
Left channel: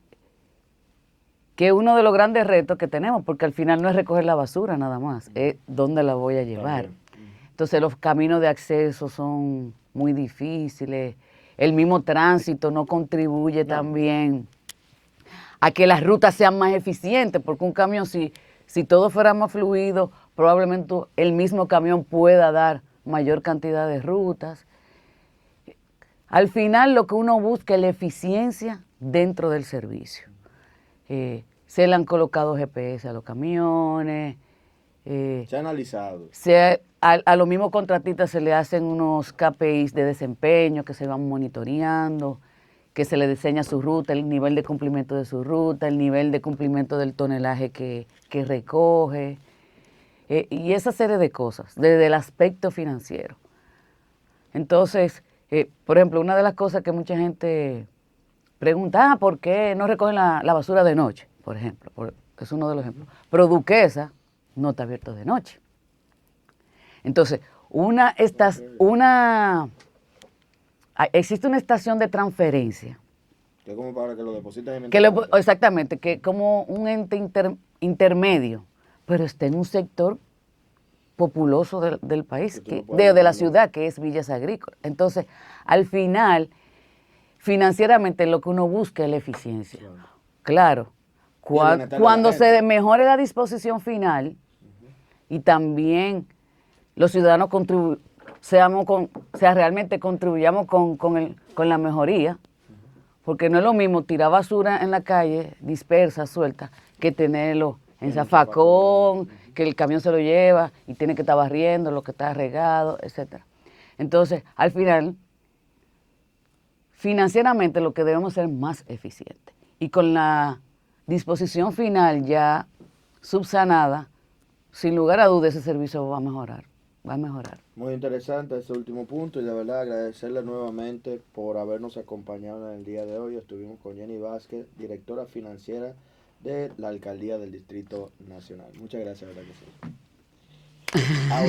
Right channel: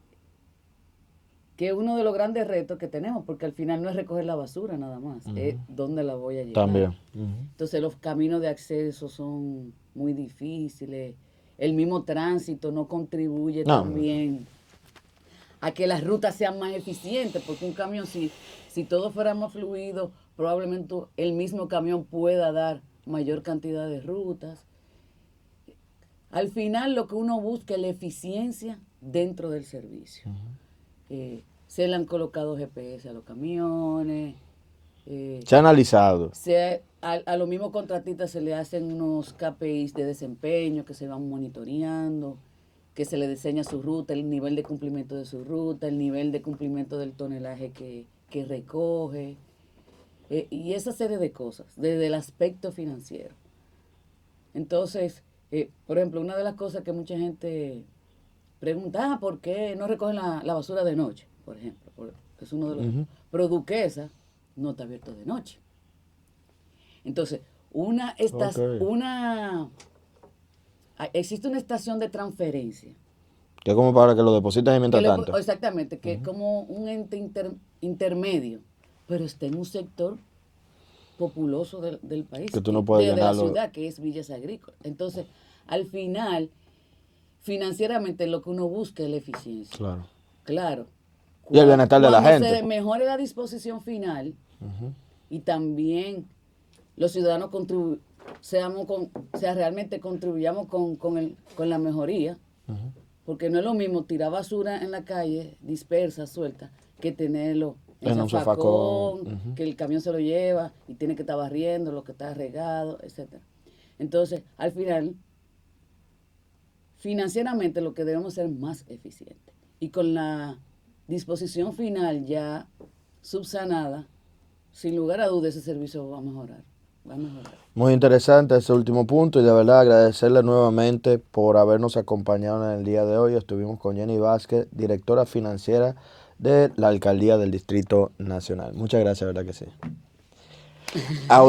es uno de los grandes retos que tenemos, porque al final no es recoger la basura nada más, es dónde la voy a llevar. También. Entonces los caminos de acceso son muy difíciles, el mismo tránsito no contribuye No, también a que las rutas sean más eficientes, porque un camión, si todo fuera más fluido, probablemente el mismo camión pueda dar mayor cantidad de rutas. Al final lo que uno busca es la eficiencia dentro del servicio. Se le han colocado GPS a los camiones, se ha analizado. a los mismos contratistas se le hacen unos KPIs de desempeño que se van monitoreando, que se le diseña su ruta, el nivel de cumplimiento de su ruta, el nivel de cumplimiento del tonelaje que recoge, y esa serie de cosas, desde el aspecto financiero. Entonces, por ejemplo, una de las cosas que mucha gente pregunta, ¿por qué no recogen la basura de noche? Por ejemplo, es uno de los ejemplos. Pero Duquesa no está abierto de noche. Entonces, existe una estación de transferencia. Que es como para que lo depositen y mientras tanto. Exactamente, que es como un ente intermedio, pero está en un sector populoso del país, Que tú no puedes de la llenarlo. ciudad, que es Villas Agrícolas. Entonces, al final, financieramente lo que uno busca es la eficiencia. Claro. Claro. Y el bienestar de la Cuando gente. se mejore la disposición final y también los ciudadanos realmente contribuyamos con la mejoría, porque no es lo mismo tirar basura en la calle, dispersa, suelta, que tenerlo en un zafacón, zafacón. que el camión se lo lleva y tiene que estar barriendo lo que está regado, etc. Entonces, al final, financieramente lo que debemos ser más eficientes. Y con la disposición final ya subsanada, sin lugar a dudas ese servicio va a mejorar. Muy interesante ese último punto y de verdad agradecerle nuevamente por habernos acompañado en el día de hoy. Estuvimos con Jenny Vázquez, directora financiera de la Alcaldía del Distrito Nacional. Muchas gracias, verdad que sí.